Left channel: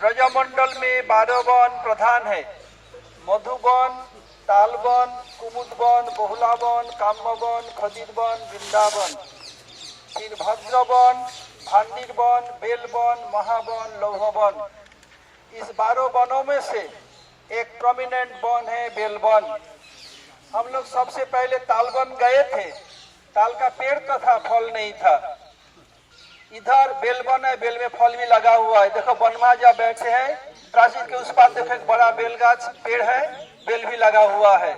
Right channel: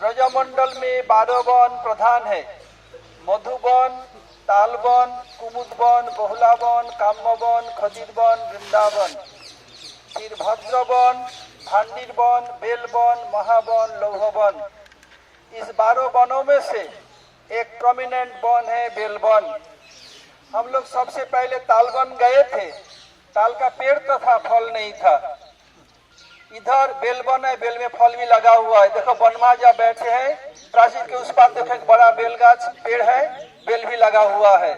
ब्रजमंडल में 12 वन प्रधान है। मधुबन, तालवन, कुमुदवन, बहुलावन, काम्यवन, खदिरवन, वृंदावन, फिर भद्रवन, भांडीरवन, बेलवन, महावन, लौहवन। इस 12 वनों में से एक प्रोमिनेंट वन है बेलवन। हम लोग सबसे पहले तालवन गए थे। ताल का पेड़ तो था, फल नहीं था। इधर बेलवन है, बेल में फल भी लगा हुआ है। देखो बनमाजा बैठे हैं, प्राचीर के उस पार देखो एक बड़ा बेल गाछ पेड़ है, बेल भी लगा हुआ है।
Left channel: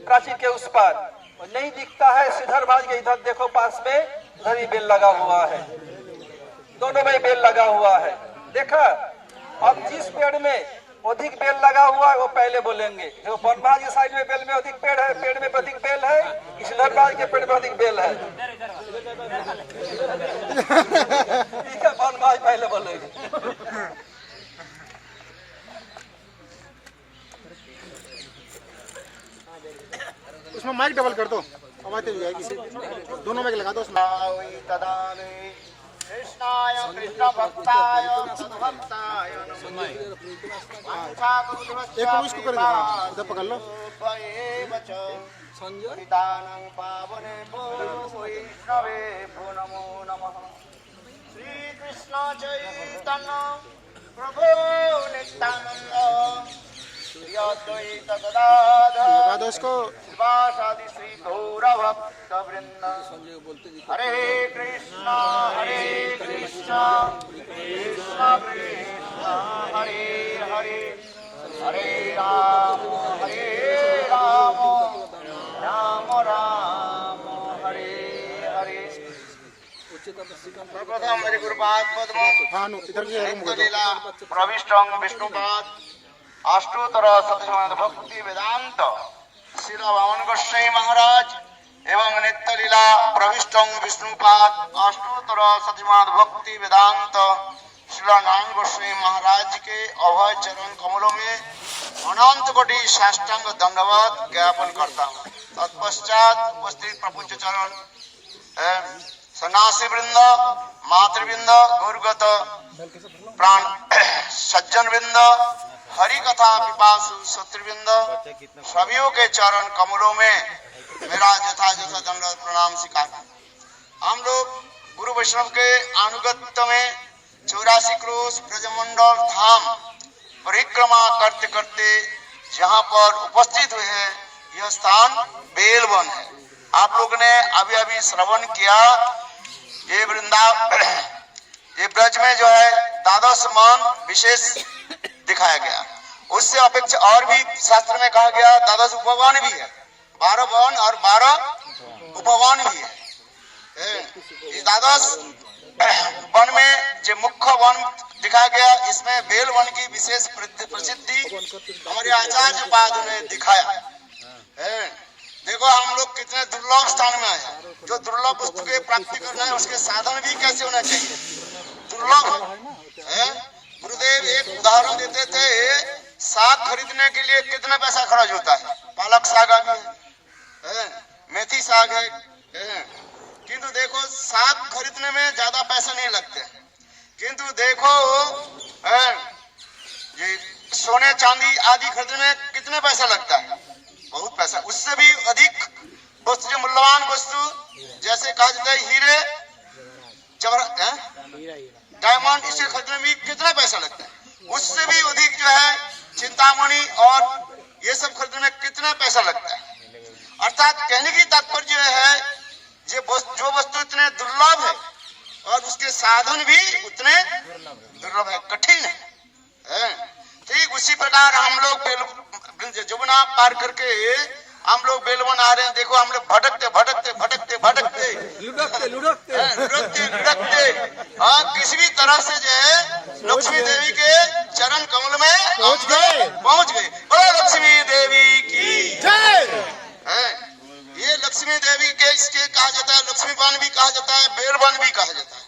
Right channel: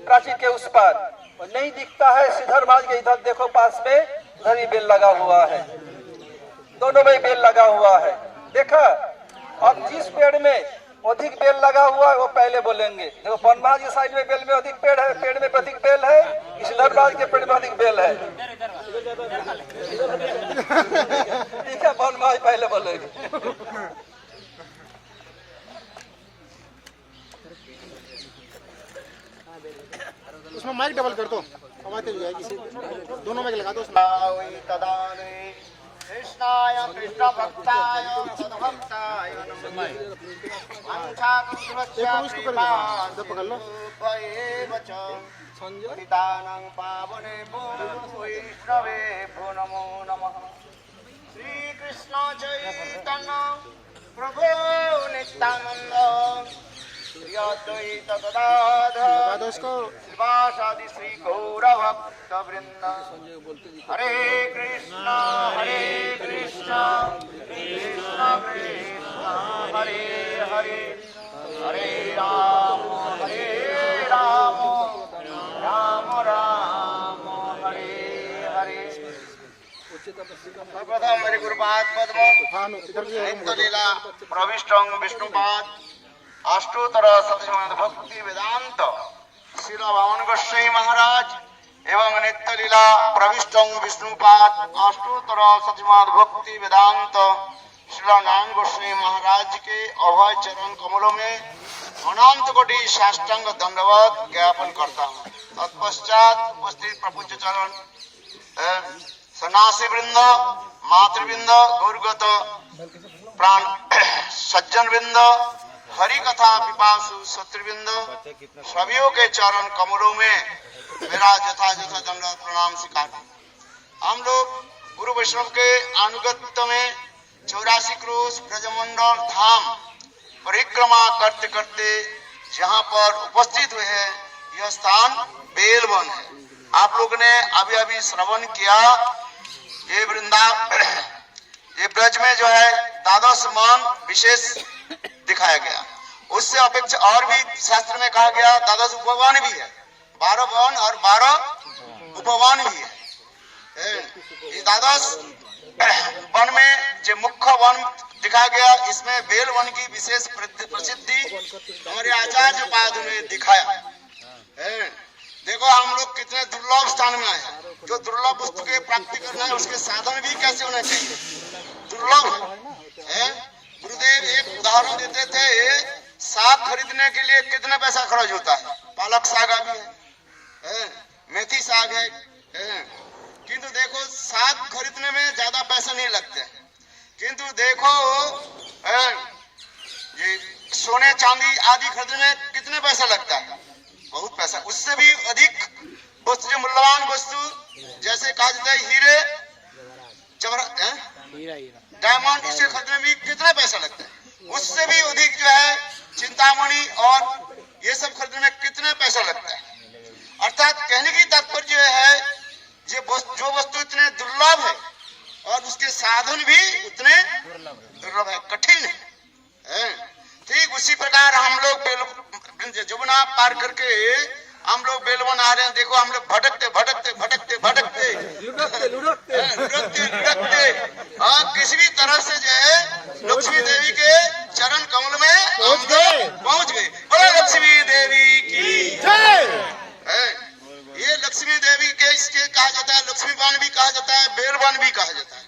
प्राचीर के उस पार नहीं दिखता है, सिधर भाग के इधर देखो पास में, इधर ही बेल लगा हुआ है। दोनों में बेल लगा हुआ है, देखा। अब जिस पेड़ में अधिक बेल लगा हुआ है वो पहले बोलेंगे। देखो बनमाज के साइड में बेल में अधिक पेड़ है, पेड़ में अधिक बेल है, इसलर बाज के पेड़ में अधिक बेल है। ठीक है, बनमाज पहले बोलेंगे। उसमें माइक डबल कर दो, आवाज तेज जाएगी। दोनों में लगा दो। कृष्णाय कृष्ण भक्ताय तद्भक्ताय नमो नमः। श्री कृष्ण चैतन्य प्रभु नित्यानंद श्री अद्वैत गदाधर श्रीवासादि श्री गौर भक्त वृंद। हरे कृष्ण कृष्ण कृष्ण हरे हरे, हरे राम राम राम हरे हरे। सर्वप्रथम हरि गुरुपाद पद्म नित्य लीला प्रविष्टं विष्णुपाद अष्टोत्तर शतमान भक्ति वेदांत श्रील वामन गोस्वामी महाराज एवं नित्य लीला प्रविष्टं विष्णुपाद अष्टोत्तर शतमान भक्ति वेदांत श्रील नारायण गोस्वामी महाराज के अभय चरण कमलों में अनंत कोटि साष्टांग दंडवत ज्ञापन करता हूँ। तत्पश्चात उपस्थित प्रपंच चरण सन्यासी वृंद, मातृवृंद, गुरुगत प्राण सज्जन वृंद, हरि कथा पिपासु शत्रुवृंद, सभियों के चरण कमलों में मेरा यथायथ दंडवत प्रणाम स्वीकार। हम लोग गुरु वैष्णव के अनुगत्य में 84 क्रोश ब्रजमंडल धाम परिक्रमा करते करते जहाँ पर उपस्थित हुए हैं, यह स्थान बेलवन है। आप लोग ने अभी अभी श्रवण किया, ये वृंदावन, ये ब्रज में जो है द्वादश मान विशेष दिखाया गया। उससे अपेक्षा और भी शास्त्र में कहा गया द्वादश उपवन भी है, 12 वन और 12 उपवन भी है। ये द्वादश वन में जो मुख्य वन दिखाया गया, इसमें बेल वन की विशेष प्रसिद्धि हमारे आचार्य पाद ने दिखाया है। देखो हम लोग कितने दुर्लभ स्थान में आए। जो दुर्लभ वस्तु के प्राप्ति करना है उसके साधन भी कैसे होना चाहिए, दुर्लभ है। गुरुदेव एक उदाहरण देते थे, साग खरीदने के लिए कितना पैसा खर्च होता है। पालक साग भी है, मेथी साग है, किंतु देखो साग खरीदने में ज्यादा पैसा नहीं लगते, किंतु देखो ये सोने चांदी आदि खरीदने में कितने पैसा लगता है, बहुत पैसा। उससे भी अधिक वस्तु, जो मूल्यवान वस्तु जैसे कहा जाता है हीरे डायमंड, इसे खरीदने में कितना पैसा लगता है। उससे भी अधिक जो है चिंतामणि और ये सब खरीदने में कितना पैसा लगता है। अर्थात कहने की तात्पर्य है जो वस्तु इतने दुर्लभ है और उसके साधन भी उतने दुर्लभ है, कठिन है। ठीक उसी प्रकार हम लोग जमुना पार करके हम लोग बेलवन आ रहे हैं। देखो हम लोग भटकते भटकते भटकते भटकते लुढ़कते और किसी भी तरह से जो है लक्ष्मी देवी के चरण कमल में पहुंच गए। बोलो लक्ष्मी देवी की जय। ये लक्ष्मी देवी के इसके कहा जाता है, लक्ष्मी वन भी कहा जाता है, बेलवन भी कहा जाता है।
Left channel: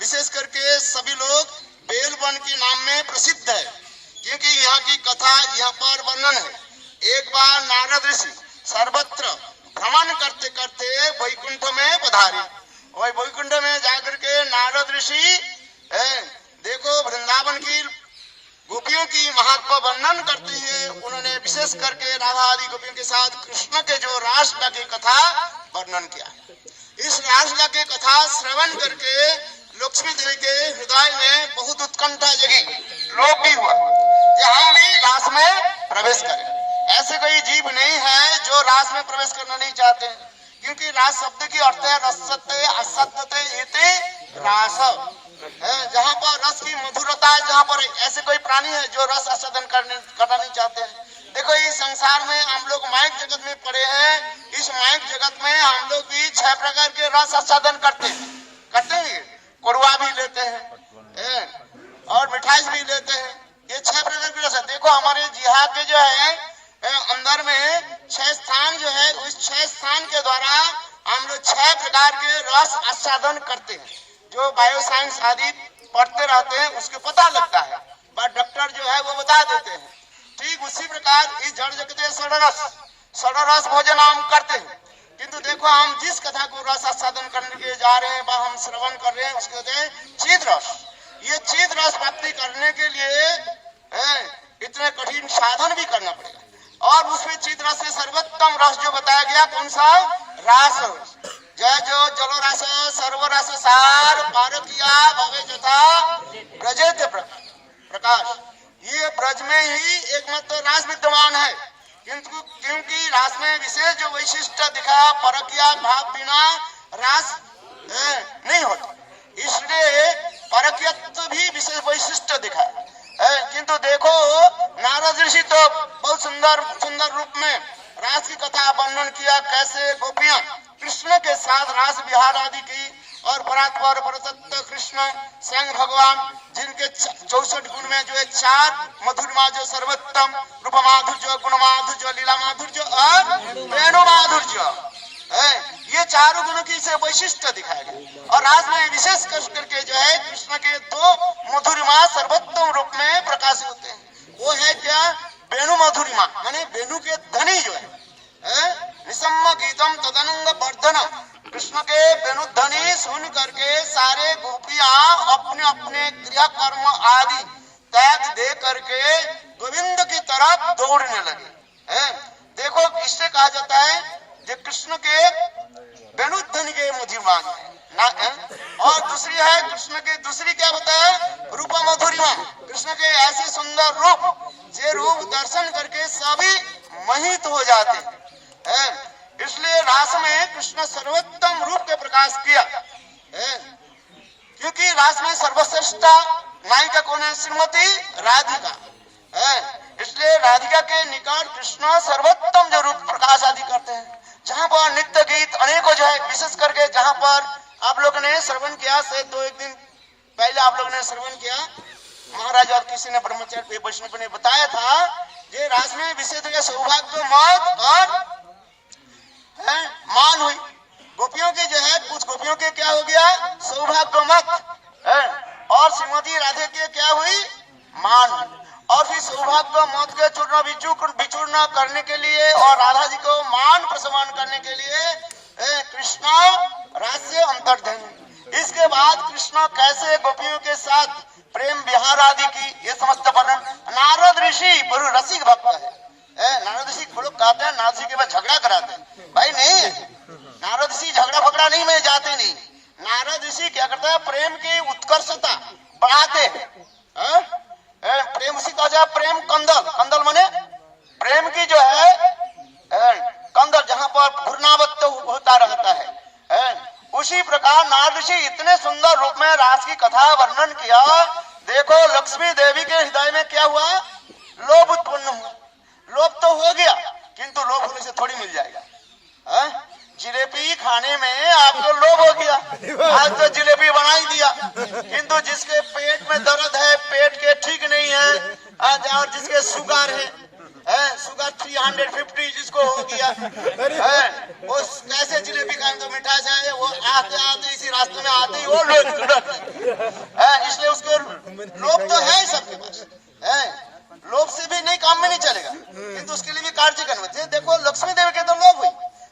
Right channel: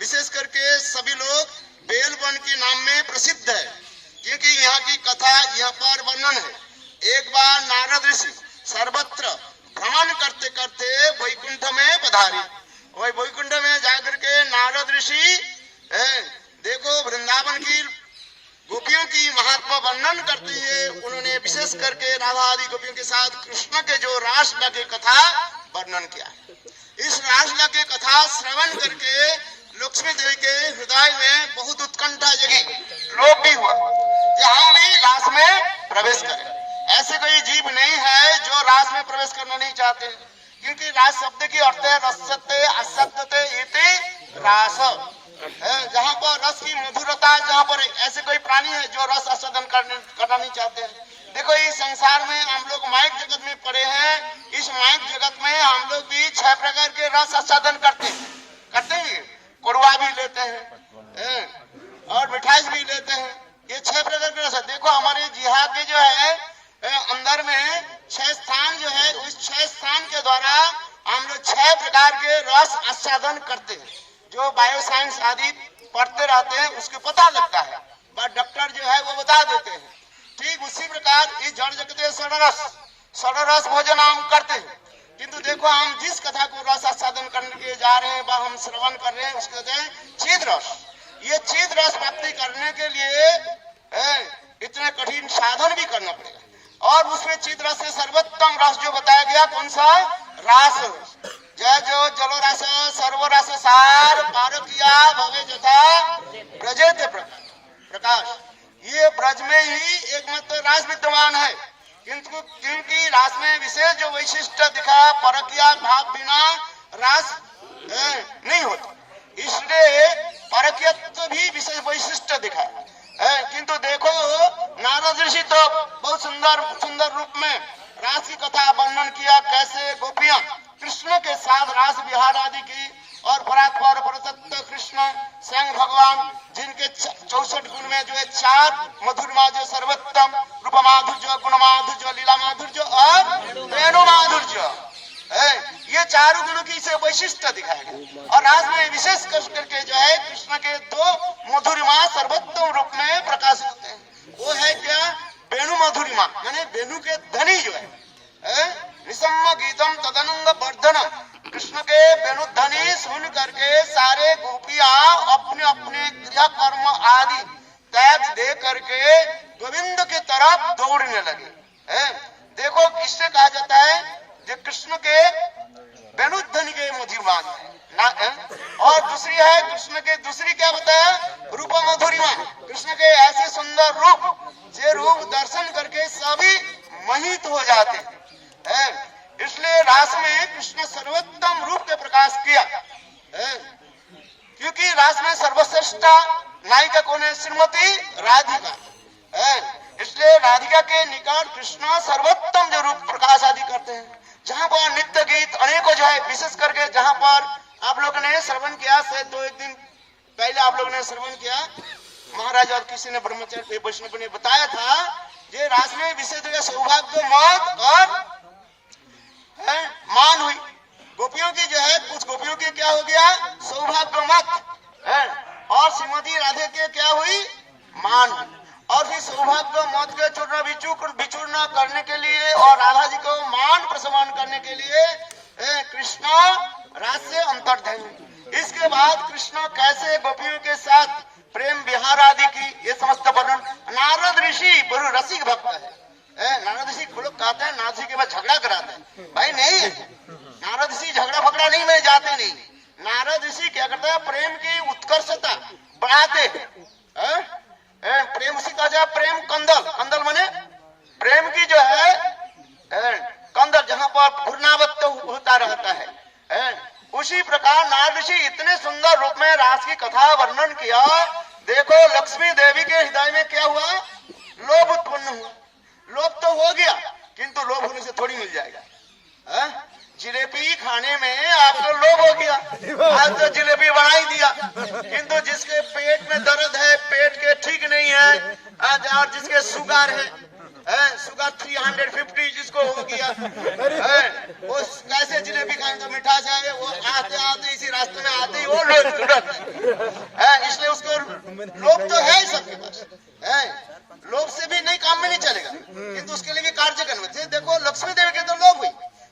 विशेष करके सभी लोग बेलवन के नाम में प्रसिद्ध है, क्योंकि यहाँ की कथा यहाँ पर वर्णन है। एक बार नारद ऋषि सर्वत्र भ्रमण करते करते वैकुंठ में पधारे। वही वैकुंठ में जाकर के नारद ऋषि देखो वृंदावन की गोपियों की महत्व वर्णन करते हैं। उन्होंने विशेष करके राधा आदि गोपियों के साथ कृष्ण के जो रासलीला की कथा वर्णन किया। इस रासलीला की कथा श्रवण करके लक्ष्मी देवी के हृदय में बहुत उत्कंठा जगी, लोभ भी हुआ कि हम भी रास में प्रवेश करें। ऐसे कोई जीव नहीं है जो रास में प्रवेश करना नहीं चाहते, क्योंकि रास शब्द की अर्थ है रसते असत्यते इति रास, जहाँ पर रस की मधुरता, जहाँ पर ऐसे कोई प्राणी है जो रस आस्वादन करना नहीं चाहते हैं। देखो इस संसार में हम लोग माइक जगत में पड़े हैं, इस माइक जगत में हम लोग भी 6 प्रकार के रस आस्वादन करते हैं। कड़वा भी लेते हैं और मिठाई भी लेते हैं, ये 6 प्रकार के रस है। देखो हमारे जिहाद के जो है अंदर में 6 स्थान जो है, उस 6 स्थान के द्वारा हम लोग 6 प्रकार के रस आस्वादन करते हैं। जो बायो साइंस आदि पढ़ते रहते हैं उसको पता लगता है, बट डॉक्टर जो है वो बता देते हैं। ठीक उसी प्रकार इस जड़ जगत षडरस भोजन हम करते हैं, किंतु देखो हम जिस कथा को रस आस्वादन करने के जा रहे हैं व हम श्रवण कर रहे हैं उसके कहते हैं चिद रस। ये चिद रस प्राप्ति करने के लिए इतने कठिन साधन भी करना पड़ेगा, और उसमें चिद रस से सर्वोत्तम रस जो बताया गया कौन सा? रास रस। जय जो जलो रस सर्व रस सार पारकिया भवे जथा ब्रजेत प्रकाश। ये ब्रज में ही एकमात्र रास विद्यमान है, किंतु क्योंकि रास में विशेष जो वैशिष्ट दिखा, परकिया भाव बिना रास नहीं होता, इसलिए परकियत्व भी विशेष वैशिष्ट दिखा। किंतु देखो नारद ऋषि तो बहुत सुंदर रूप में रास की कथा वर्णन किया, कैसे गोपियां कृष्ण के साथ रास विहार आदि की, और परात्पर परतत्व कृष्ण स्वयं भगवान जिनके 64 गुण में जो है 4 मधुरमा जो सर्वोत्तम रूप माधुर्य, गुण माधुर्य, लीला माधुर्य और वेणु माधुर्य, ये 4 गुणों की इसे वैशिष्ट दिखाया गया। और रास में विशेष करके जो है कृष्ण के 2 मधुरिमा सर्वोत्तम रूप में प्रकाशित होते हैं। वो है क्या? वेणु मधुरिमा, माने वेणु के धनी जो है निसम्म गीतम तदनंग वर्धनम। कृष्ण के वेणु ध्वनि सुन करके सारे गोपियां अपने अपने क्रिया कर्म आदि त्याग दे करके गोविंद की तरफ दौड़ने लगे। देखो किससे कहा जाता है? जो कृष्ण के वेणु ध्वनि के मधुरिमा ना, और दूसरी है कृष्ण के दूसरी क्या बताया? रूप मधुरिमा। कृष्ण के ऐसे सुंदर रूप, जे रूप दर्शन करके सभी मोहित हो जाते हैं। इसलिए रास में कृष्ण सर्वोत्तम रूप के प्रकाश किया, क्योंकि रास में सर्वश्रेष्ठ नायिका कौन है? श्रीमती राधिका। इसलिए राधिका के निकट कृष्ण सर्वोत्तम जो रूप प्रकाश आदि करते हैं, जहाँ पर नित्य गीत अनेकों जो है, विशेष करके जहाँ पर आप लोगों ने श्रवण किया से 2-1 दिन पहले आप लोगों ने श्रवण किया, महाराज और किसी ने ब्रह्मचारी वैष्णव ने बताया था, ये रास में विशेष जगह सौभाग्य मत और मान हुई। गोपियों के जो है कुछ गोपियों के क्या हो गया? सौभाग्य मत, और श्रीमती राधे के क्या हुई? मान। और फिर सौभाग्य मत के चूर्ण विचूर्ण करने के लिए और राधा जी को मान प्रसमान करने के लिए कृष्ण रास से अंतर्ध्यान। इसके बाद कृष्ण कैसे गोपियों के साथ प्रेम विहार आदि की, ये समस्त वर्णन। नारद ऋषि बड़े रसिक भक्त है। नारद ऋषि लोग कहते हैं नारद ऋषि के बाद झगड़ा कराते हैं, भाई नहीं है। नारद ऋषि झगड़ा फगड़ा नहीं में जाते नहीं। नारद ऋषि क्या करते हैं? प्रेम की उत्कर्षता बढ़ाते हैं। प्रेम उसी कहा जाए प्रेम कंदल माने प्रेम की जो है कंदल, जहाँ पर घूर्णावत्त होता रहता है। उसी प्रकार नारद ऋषि इतने सुंदर रूप में रास की कथा वर्णन किया। देखो लक्ष्मी देवी के हृदय में क्या हुआ? लोभ उत्पन्न हुआ। लोभ तो हो गया, किंतु लोभ होने से थोड़ी मिल जाएगा। जिलेबी खाने में आपको लोभ हो गया, आज तो जिलेबी बना ही दिया, किंतु जिसके पेट में दर्द है, पेट के ठीक नहीं है, और जिसके शुगर है, शुगर 350 जिसको हो गया, वो कैसे जिलेबी खाए? तो मिठाई है वो आते इसी रास्ते में आते ही वो लोभ, इसलिए उसको लोभ तो है सबके पास। लोभ से भी नहीं काम में नहीं चलेगा, किंतु उसके लिए भी कार्य करना चाहिए। देखो लक्ष्मी देवी के तो लोभ हुई,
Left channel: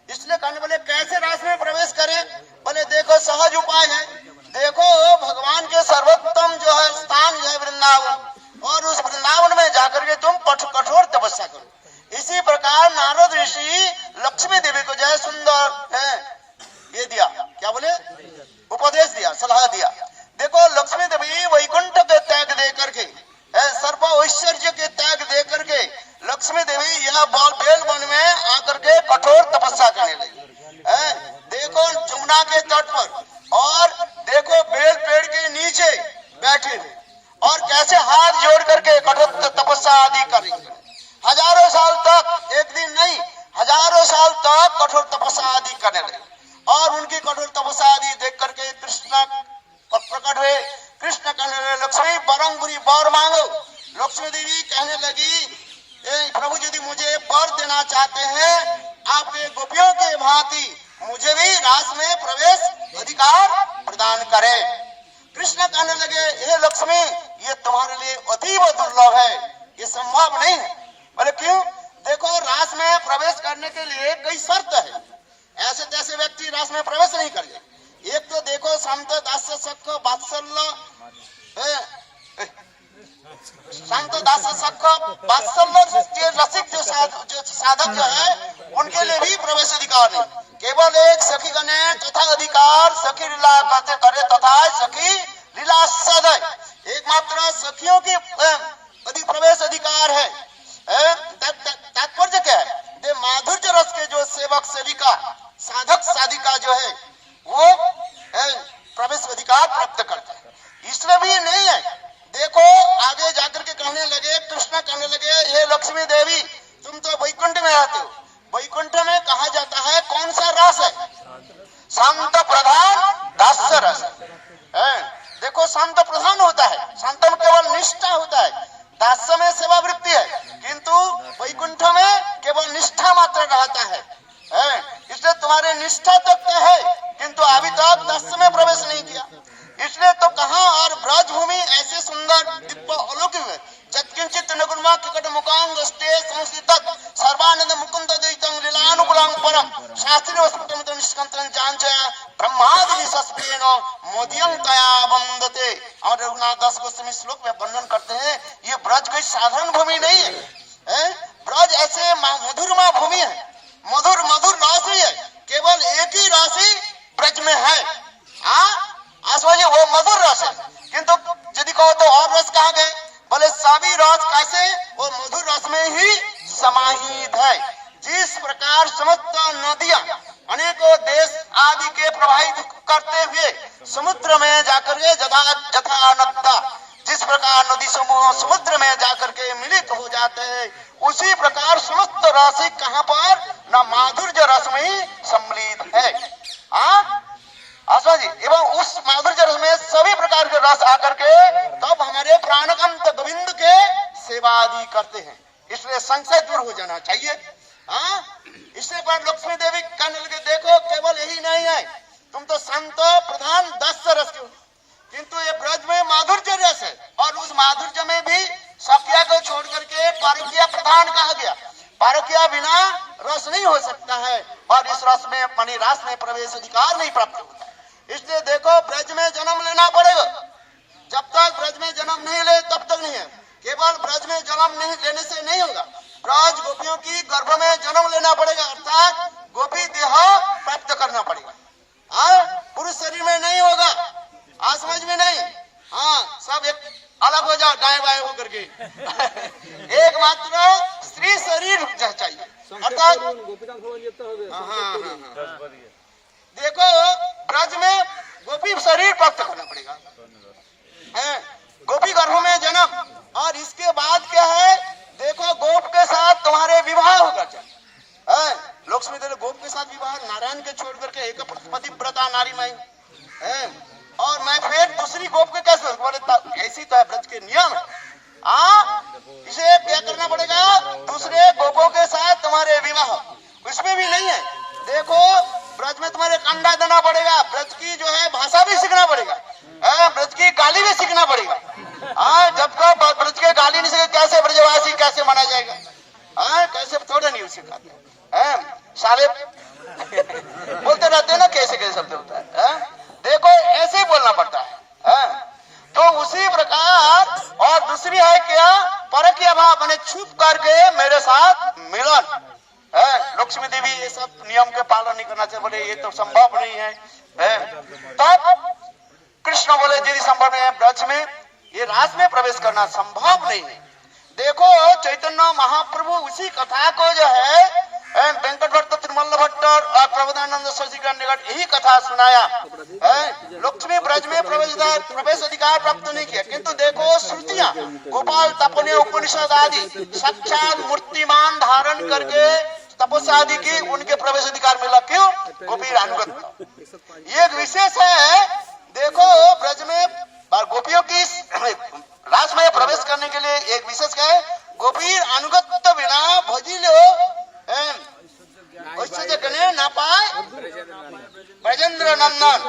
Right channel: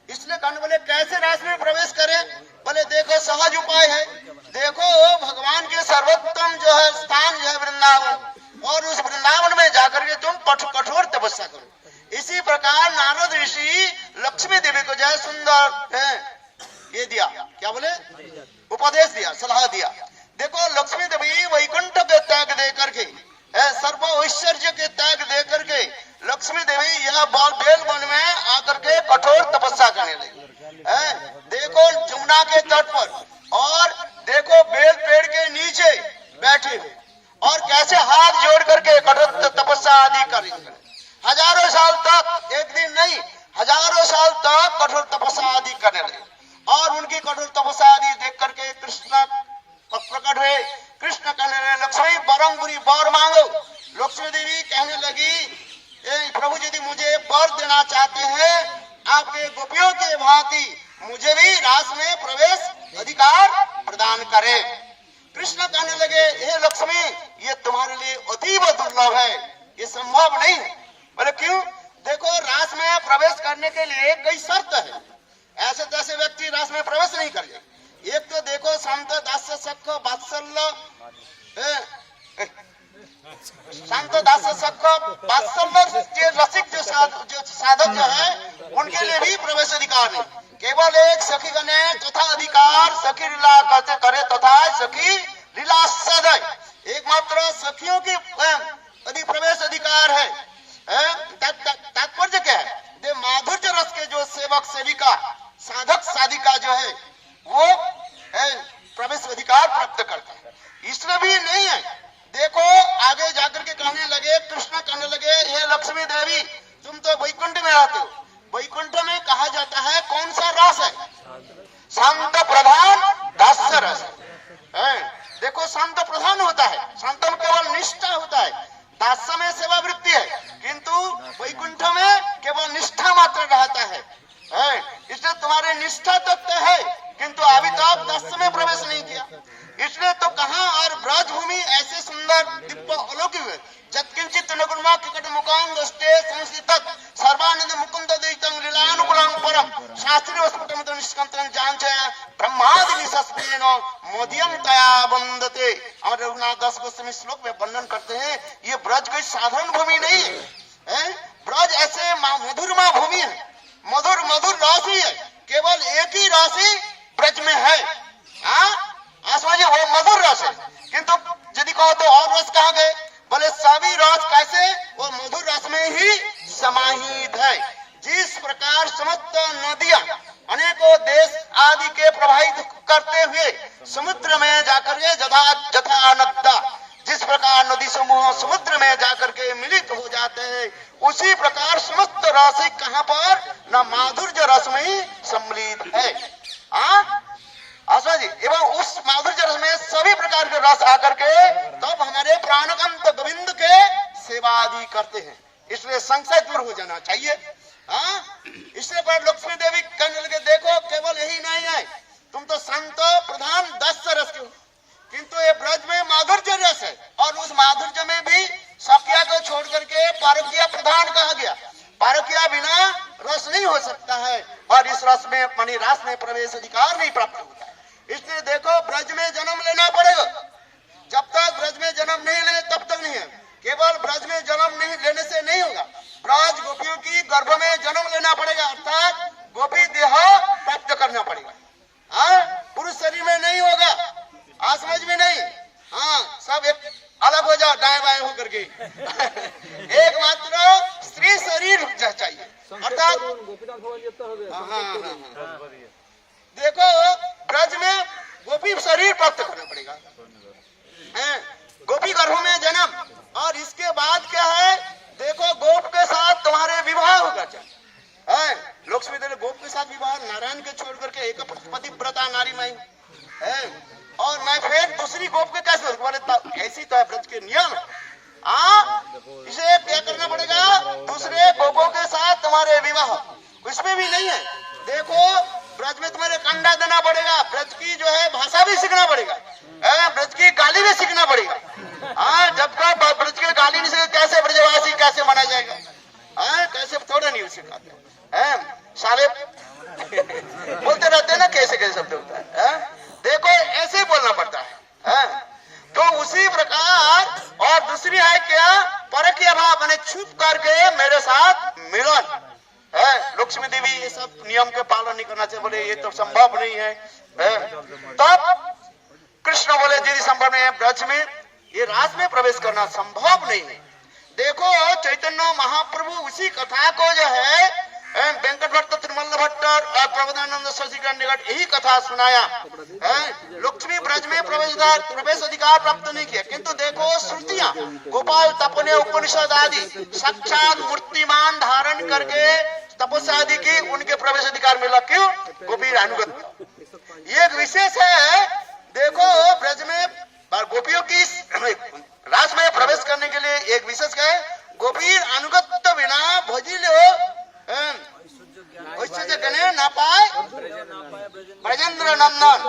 इसलिए कहने बोले कैसे रास में प्रवेश करें? बोले देखो सहज उपाय है। देखो भगवान के सर्वोत्तम जो है स्थान जो है वृंदावन, और उस वृंदावन जाकर के तुम कठोर तपस्या करो। इसी प्रकार नारद ऋषि लक्ष्मी देवी को जो है सुंदर ये दिया, क्या बोले, उपदेश दिया, सलाह दिया। देखो लक्ष्मी देवी वैकुंठ के त्याग दे करके, सर्व ऐश्वर्य के त्याग दे करके लक्ष्मी देवी यह बेल वन में आकर के कठोर तपस्या करने लगी। देखो जमुना के तट पर, और देखो बेल पेड़ के नीचे बैठे हुए, और कैसे हाथ जोड़ करके कठोर तपस्या आदि कर रही। हजारों साल तक, एक दिन नहीं, हजारों साल तक कठोर तपस्या आदि करने लगे। और उनकी कठोर तपस्या आदि देख करके कृष्ण प्रकट हुए। कृष्ण कहने लगे, लक्ष्मी बरंगुरी वर मांगो। लक्ष्मी देवी कहने लगी, प्रभु यदि मुझे वर देना चाहते हैं, आपके गोपियों के भांति मुझे भी रास में प्रवेश अधिकार प्रदान करें। कृष्ण कहने लगे, हे लक्ष्मी, ये तुम्हारे लिए अतीव दुर्लभ है, ये संभव नहीं है। बोले क्यों? देखो रास में प्रवेश करने के लिए कई शर्त है, ऐसे तैसे व्यक्ति रास में प्रवेश नहीं कर ले। एक तो देखो शांत दास सख वात्सल्य, शांत दास सख वात्सल्य के रसिक जो साधक जो है, उनके लिए भी प्रवेश अधिकार नहीं। केवल एक सखी गणे तथा अधिकार, सखी लीला करते करे तथा सखी लीला सदय, एकमात्र सखियों के अधिक प्रवेश अधिकार है। तात्पर्य क्या है? माधुर्य रस के जो सेवक सेविका साधक साधिका जो है वो प्रवेश अधिकार प्राप्त करते हैं। इसमें भी नहीं है। देखो आगे जाकर के कहने लगे, कृष्ण कहने लगे, हे लक्ष्मी देवी, तुम तो वैकुंठ में रहते हो। वैकुंठ में कहा जाता है कौन सा रस है? शांत प्रधान दास्य रस है। देखो शांत प्रधान होता है, शांत में केवल निष्ठा होता है, दास्य में सेवा वृत्ति है, किंतु वैकुंठ में केवल निष्ठा मात्र रहता है। इसलिए तुम्हारे निष्ठा तक तो है, किंतु अभी तक दास्य में प्रवेश नहीं किया। इसलिए तो कहा, और ब्रज भूमि ऐसे सुंदर दिव्य अलौकिक है, जत्किंचित नगुणमा किकट मुकांग स्ते संस्थित सर्वानंद मुकुंद दैतं लीलानुकूलं परम शास्त्रीय वस्फुटमित निष्कंतनं जांच ब्रह्मादि निसस्तेन मोदियं तया वंदते। और रघुनाथ दास गोस्वामी श्लोक में वर्णन करते हैं, ये ब्रज कोई साधारण भूमि नहीं है। ब्रज ऐसे मधुरमा भूमि है, मधुर मधुर राशि है, केवल एक ही राशि ब्रज में है। आसमाजी वो मधुर रस है, किंतु यदि कहो तो और रस कहाँ गए? बोले सभी रस कैसे? वो मधुर रस में ही समाहित है। जिस प्रकार समस्त नदियां अनेकों देश आदि के प्रभावित करते हुए समुद्र में जाकर के जथा नद्दा, जिस प्रकार नदी समूह समुद्र में जाकर के मिलित हो जाते हैं, उसी प्रकार समस्त राशि कहाँ पर? न माधुर्य रस में ही सम्मिलित है। आशा जी, एवं उस माधुर्य रस में सभी प्रकार के रस आकर के तब हमारे प्राणकंत गोविंद के सेवा आदि करते हैं। इसलिए संशय दूर हो जाना चाहिए। इसलिए पर लक्ष्मी देवी कहने लगे, देखो केवल यही नहीं है, तुम तो संत प्रधान दास्य रस हो, किंतु ये ब्रज में माधुर्य रस है, और उस माधुर्य में भी सखिया को छोड़ करके पारकिया प्रधान कहा गया। पारकिया बिना रस नहीं हो सकता है, और इस रस में मणि रास में प्रवेश अधिकार नहीं प्राप्त होता है। इसलिए देखो ब्रज में जन्म लेना पड़ेगा। जब तक ब्रज में जन्म नहीं ले तब तक नहीं है। केवल ब्रज में जन्म नहीं लेने से नहीं होगा, ब्रज गोपियों की गर्भ में जन्म लेना पड़ेगा, अर्थात गोपी देह प्राप्त करना पड़ेगा। पुरुष शरीर में नहीं होगा, समझ में नहीं। सब एक अलग हो जाओ, दाएं बाएं होकर के एक मात्र स्त्री शरीर चाहिए, अर्थात देखो ब्रज में गोपी शरीर प्राप्त करना पड़ेगा, गोपी गर्भ में जन्म। और इसके बाद क्या है? देखो गोप के साथ तुम्हारे विवाह होगा। लक्ष्मी देवी गोप के साथ विवाह, नारायण के छोड़ करके एक पतिव्रता नारी में और मैं फिर दूसरी गोप के कैसे? बोले ऐसी तो है ब्रज के नियम है। इसे क्या करना पड़ेगा? दूसरे गोपों के साथ तुम्हारे विवाह, इसमें भी नहीं है। देखो ब्रज में तुम्हारे कंडा देना पड़ेगा, ब्रज की जो है भाषा भी सीखना पड़ेगा, ब्रज की गाली भी सीखना पड़ेगा। जब तक ब्रज के गाली नहीं सीखे कैसे ब्रजवासी कैसे माना जाएगा? कैसे थोड़े नहीं सिखाते साले बोलते रहते हैं ना, कैसे कैसे शब्द होता है। देखो ऐसे ही बोलना पड़ता है। तो उसी प्रकार और दूसरी है क्या? परकीय भाव मैंने छुप करके मेरे साथ मिलन है। लक्ष्मी देवी ये सब नियम के पालन नहीं करना चाहिए, बोले ये तो संभव नहीं है। तब कृष्ण बोले यदि संभव नहीं है ब्रज में ये रास में प्रवेश करना संभव नहीं है। देखो चैतन्य महाप्रभु उसी कथा को जो है वेंकट भट्ट त्रिमल्ल भट्ट और प्रबोधानंद शशिकांत निकट यही कथा सुनाया। लक्ष्मी ब्रज में प्रवेश अधिकार प्राप्त नहीं किया, किंतु देखो श्रुतियां गोपाल तपने उपनिषद आदि साक्षात मूर्तिमान धारण करके तपस्या आदि की, उनके प्रवेश अधिकार मिला। क्यों? गोपी अनुगत। ये एक विशेष है। देखो ब्रज में गोपियों की रास में प्रवेश करने के लिए एक विशेष है, गोपी अनुगत बिना भजिलो गणे न पाए ब्रजेंद्र नंदन।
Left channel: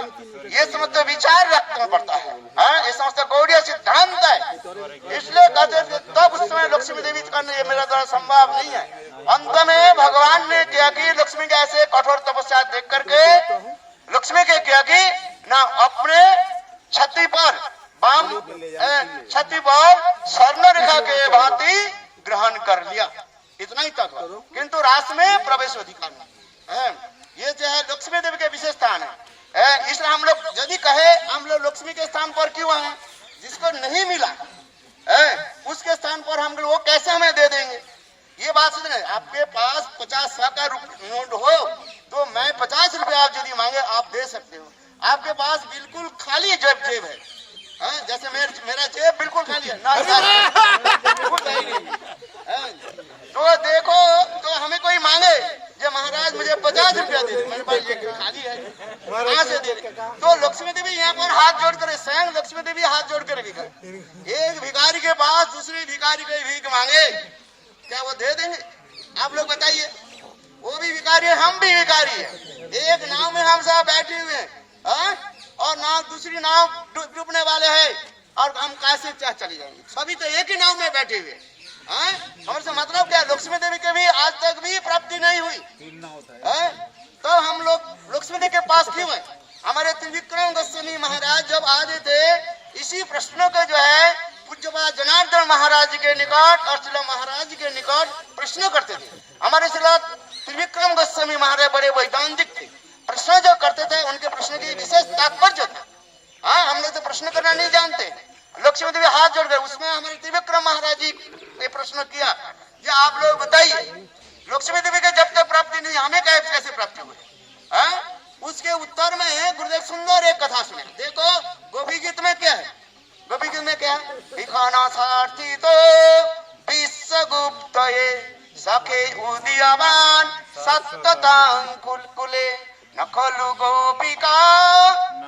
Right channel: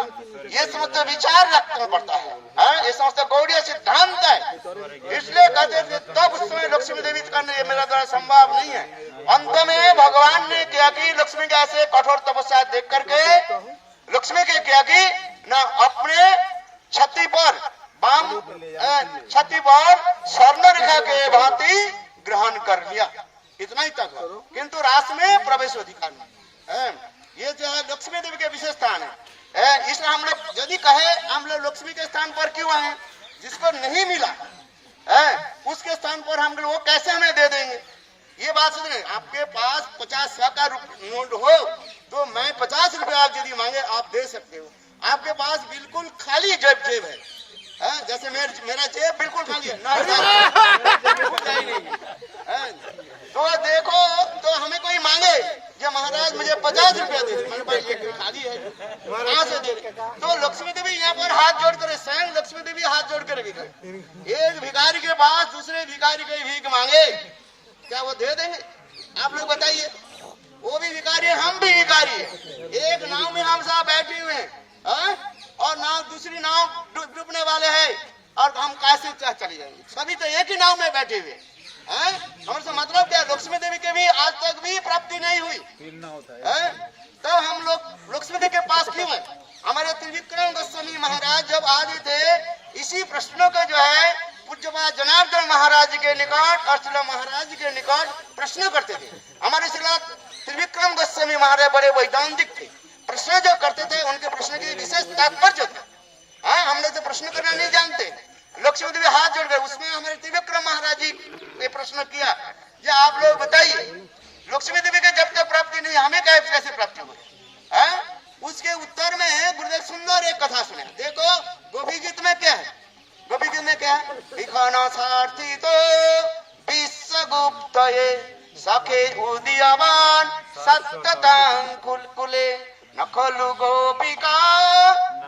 ये समझते विचार रखना पड़ता है, ये समझते गौड़ीय सिद्धांत है। इसलिए कहते थे तब उस समय लक्ष्मी देवी करने मेरा द्वारा संभव नहीं है। अंत में भगवान ने क्या कि लक्ष्मी के ऐसे कठोर तपस्या देख करके लक्ष्मी के क्या कि ना अपने छाती पर बाम छाती पर स्वर्ण रेखा के भांति ग्रहण कर लिया। इतना ही तक, किंतु रास में प्रवेश अधिकार नहीं। ये जो है लक्ष्मी देवी के विशेष स्थान है। इसलिए हम लोग यदि कहे हम लोग लक्ष्मी के स्थान पर क्यों आए, जिसको नहीं मिला उसके स्थान पर हम लोग वो कैसे हमें दे देंगे। ये बात समझे। आपके पास 50 का नोट हो तो मैं 50 रुपए आप यदि मांगे आप दे सकते हो। आपके पास बिल्कुल खाली जेब है, जैसे मेरा जेब बिल्कुल खाली है ना, तो देखो तो हमें कोई मांगे जो महाराज मुझे 50 रुपया दे दे, मेरे पास ये खाली है, कहाँ से दे दे। तो लक्ष्मी देवी यहाँ पर हाथ जोड़ कर, स्वयं लक्ष्मी देवी हाथ जोड़ कर एक भिखारी के पास दूसरे भिखारी को भीख मांगे, क्या वो दे देंगे? आप लोग बताइए। वो भी भिखारी है, हम भी भिखारी है। एक नाव में हम सब बैठे हुए हैं और नाव दूसरी नाव डूबने वाले हैं और हम कैसे चले जाएंगे? सभी तो एक ही नाव में बैठे हुए। हमसे मतलब क्या? लक्ष्मी देवी के भी आज तक भी प्राप्ति नहीं हुई। तब हम लोग लक्ष्मी देवी के पास क्यों है? हमारे त्रिविक्रम गोस्वामी महाराज जब आए थे इसी प्रश्नों को जो है पूज्यपाद जनार्दन महाराज के निकट और शिला महाराज के निकट प्रश्न करते थे। हमारे शिला त्रिविक्रम गोस्वामी महाराज बड़े वैदांतिक थे, प्रश्न जो करते थे उनके प्रश्न की विशेष तात्पर्य था। हम लोग तो प्रश्न करना नहीं जानते। लक्ष्मी देवी हाथ जोड़ गए, उसमें हमारे त्रिविक्रम महाराज जी ने प्रश्न किया, ये आप लोग बताइए लक्ष्मी देवी के जब तक प्राप्ति नहीं हमें कैसे प्राप्ति हुई? उसके उत्तर में गुरुदेव सुंदर एक कथा सुने। देखो गोपी गीत में क्या है? गोपी गीत में क्या है? भिखाना सारथी तो विश्वगुप्त सखे उदीयमान सत्ततांकुले नखलु गोपिका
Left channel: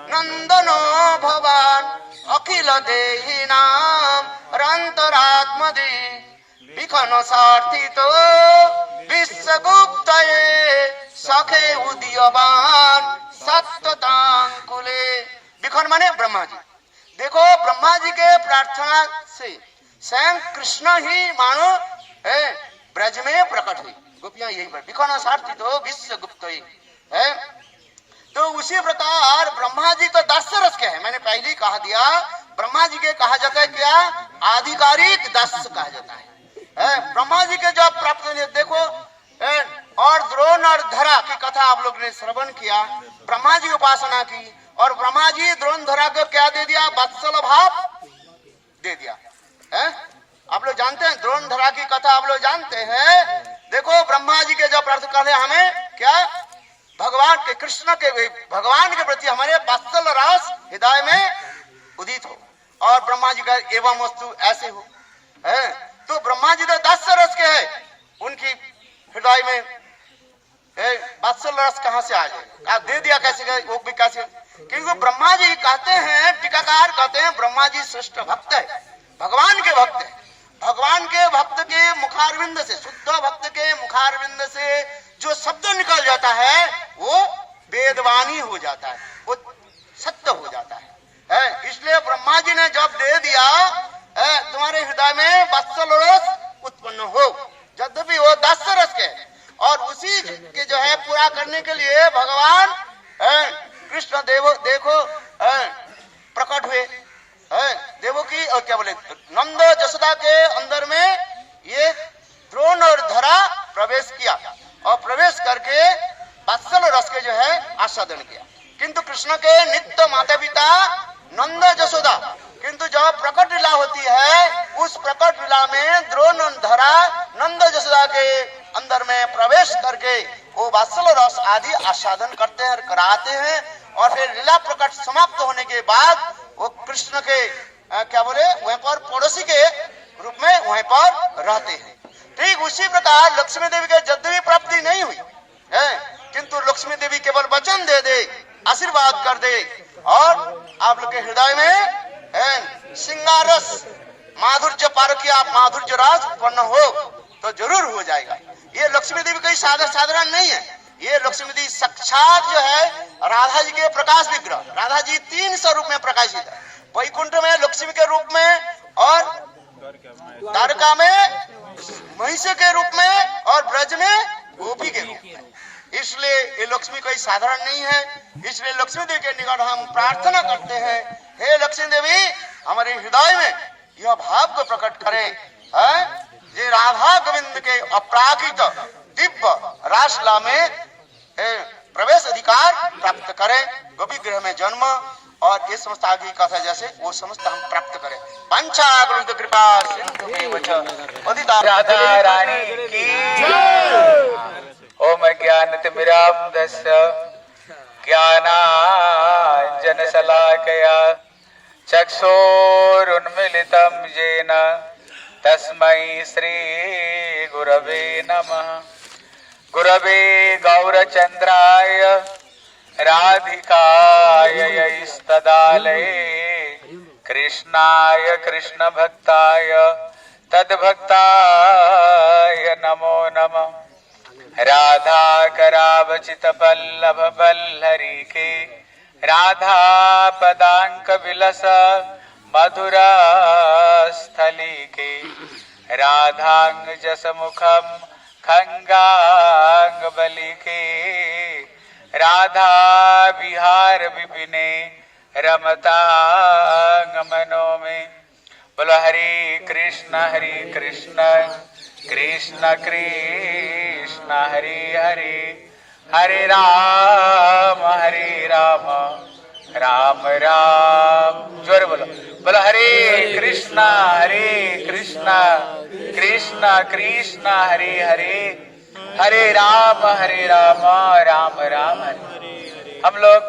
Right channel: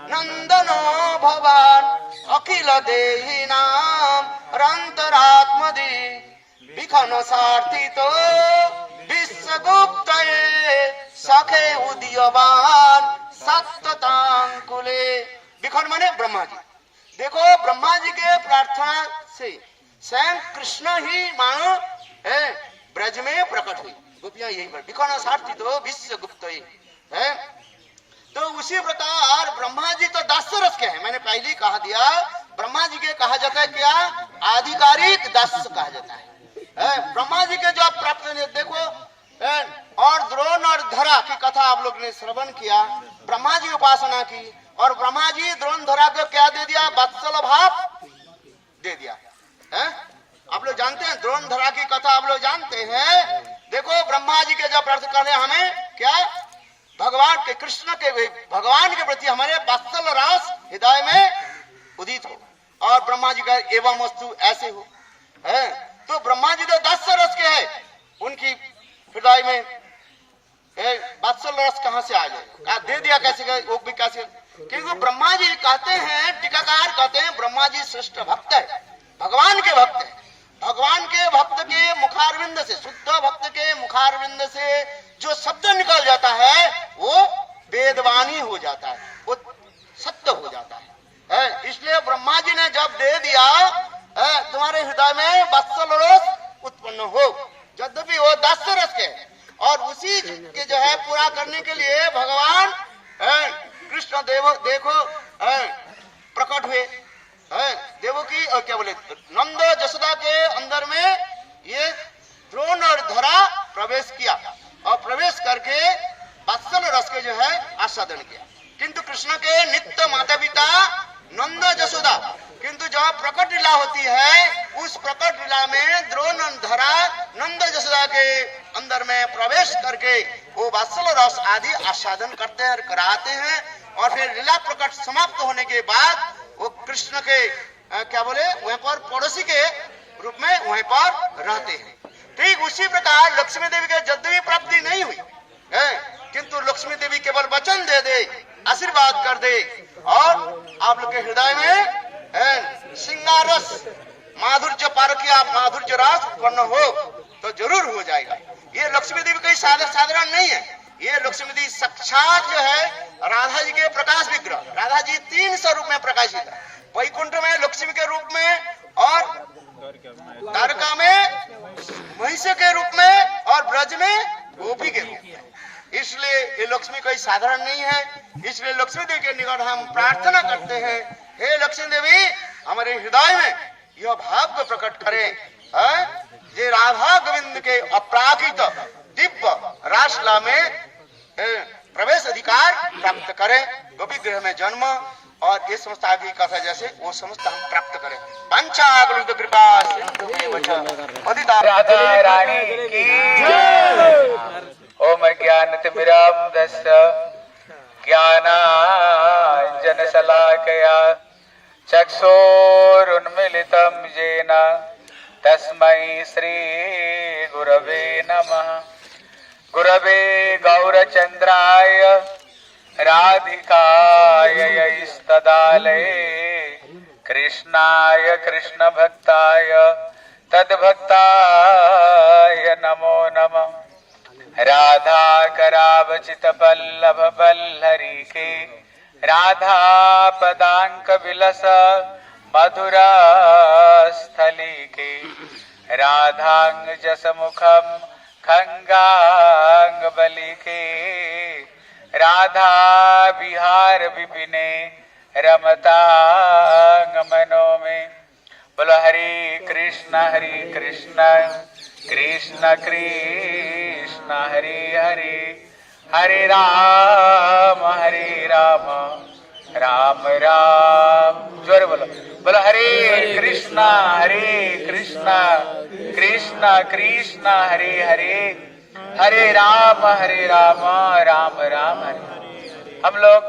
नंदनो भवान अखिल देहि नाम रंतरात्मदे विखन सारथी तो विश्वगुप्त सखे उदीयमान सत्ततांकुले। विखन माने ब्रह्मा जी। देखो ब्रह्मा जी के प्रार्थना से स्वयं कृष्ण ही मानो ब्रज में प्रकट हुई। गोपियां यही पर विखन सारथी तो विश्वगुप्त है। तो उसी प्रकार ब्रह्मा जी तो दास रस के है। मैंने पहले ही कहा दिया, ब्रह्मा जी के कहा जाता है क्या? आधिकारिक दास कहा जाता है। ब्रह्मा जी के जब प्राप्त देखो और द्रोण और धरा की कथा आप लोग ने श्रवण किया। ब्रह्मा जी उपासना की और ब्रह्मा जी द्रोण धरा को क्या दे दिया? वत्सल भाव दे दिया। आप लोग जानते हैं द्रोण धरा की कथा, आप लोग जानते हैं। देखो ब्रह्मा जी के जब प्रार्थना कर हमें क्या? भगवान के कृष्ण के भगवान के प्रति हमारे वात्सल रस हृदय में उदित हो और ब्रह्मा जी का एवं वस्तु ऐसे हो है। तो ब्रह्मा जी तो 10 रस के हैं, उनकी हृदय में वात्सल रस कहां से आ जाए? आप दे दिया कैसे? वो भी कैसे? क्योंकि ब्रह्मा जी कहते हैं, टीकाकार कहते हैं ब्रह्मा जी श्रेष्ठ भक्त है, भगवान के भक्त है। भगवान के भक्त के मुखारविंद से, शुद्ध भक्त के मुखारविंद से जो शब्द निकल जाता है वो वेदवाणी हो जाता है, वो सत्य हो जाता है। इसलिए ब्रह्मा जी ने जब दे दिया तुम्हारे हृदय में वत्सल रस उत्पन्न हो, यद्यपि वो 10 रस के और उसी के जो है पूरा करने के लिए भगवान कृष्ण देखो प्रकट हुए। देवो की क्या बोले नंद जसोदा के अंदर में ये द्रोण और धरा प्रवेश किया और प्रवेश करके वात्सल रस के जो है आस्वादन किया। किंतु कृष्ण के नित्य माता पिता नंद जसोदा, किंतु जब प्रकट लीला होती है उस प्रकट लीला में द्रोण और धरा नंद जसोदा के अंदर में प्रवेश करके वो वात्सल रस आदि आस्वादन करते हैं और कराते हैं। और फिर लीला प्रकट समाप्त होने के बाद वो कृष्ण के क्या बोले वहीं पर पड़ोसी के रूप में वहीं पर रहते हैं। ठीक उसी प्रकार लक्ष्मी देवी के यद्यपि प्राप्ति नहीं हुई है, किंतु लक्ष्मी देवी केवल वचन दे दे, आशीर्वाद कर दे और आप लोग के हृदय में सिंगारस माधुर्य पारकिया माधुर्य राज उत्पन्न हो तो जरूर हो जाएगा। ये लक्ष्मी देवी कोई साधारण नहीं है, ये लक्ष्मी देवी साक्षात जो है राधा जी के प्रकाश विग्रह। राधा जी 3 स्वरूप में प्रकाशित है, वैकुंठ में लक्ष्मी के रूप में और द्वारका में महिषी के रूप में और ब्रज में गोपी के रूप में। इसलिए ये लक्ष्मी कोई साधारण नहीं है। इसलिए लक्ष्मी देवी के निकट हम प्रार्थना करते हैं, हे लक्ष्मी देवी हमारे हृदय में यह भाव को प्रकट करें जे राधा गोविंद के अपराकृत दिव्य रासलीला में प्रवेश अधिकार प्राप्त करें, गोपी गृह में जन्म और ये समस्त आगे कथा जैसे वो समस्त हम प्राप्त करें। पंचाग्रहित कृपा राधा रानी की ओम ज्ञानतिमिरान्धस्य ज्ञानाञ्जनशलाकया चक्षुरुन्मीलितं येन तस्मै श्रीगुरवे नमः। गुरवे गौरचन्द्राय राधिकाय यैस्तदालये कृष्णाय कृष्णभक्ताय तद्भक्ताय नमो नमः। राधा करावचित पल्लव बल्लरी के राधा पदांक विलस मधुरा स्थली के राधांग जस मुखम खंगांग बलि के राधा विहार विपिने रमतांग मनो में। बोलो हरे कृष्ण कृष्ण कृष्ण हरे हरे, हरे राम राम राम। जोर बोलो, बोलो हरे कृष्ण कृष्ण कृष्ण हरे हरे, हरे राम राम राम हरे। हम लोग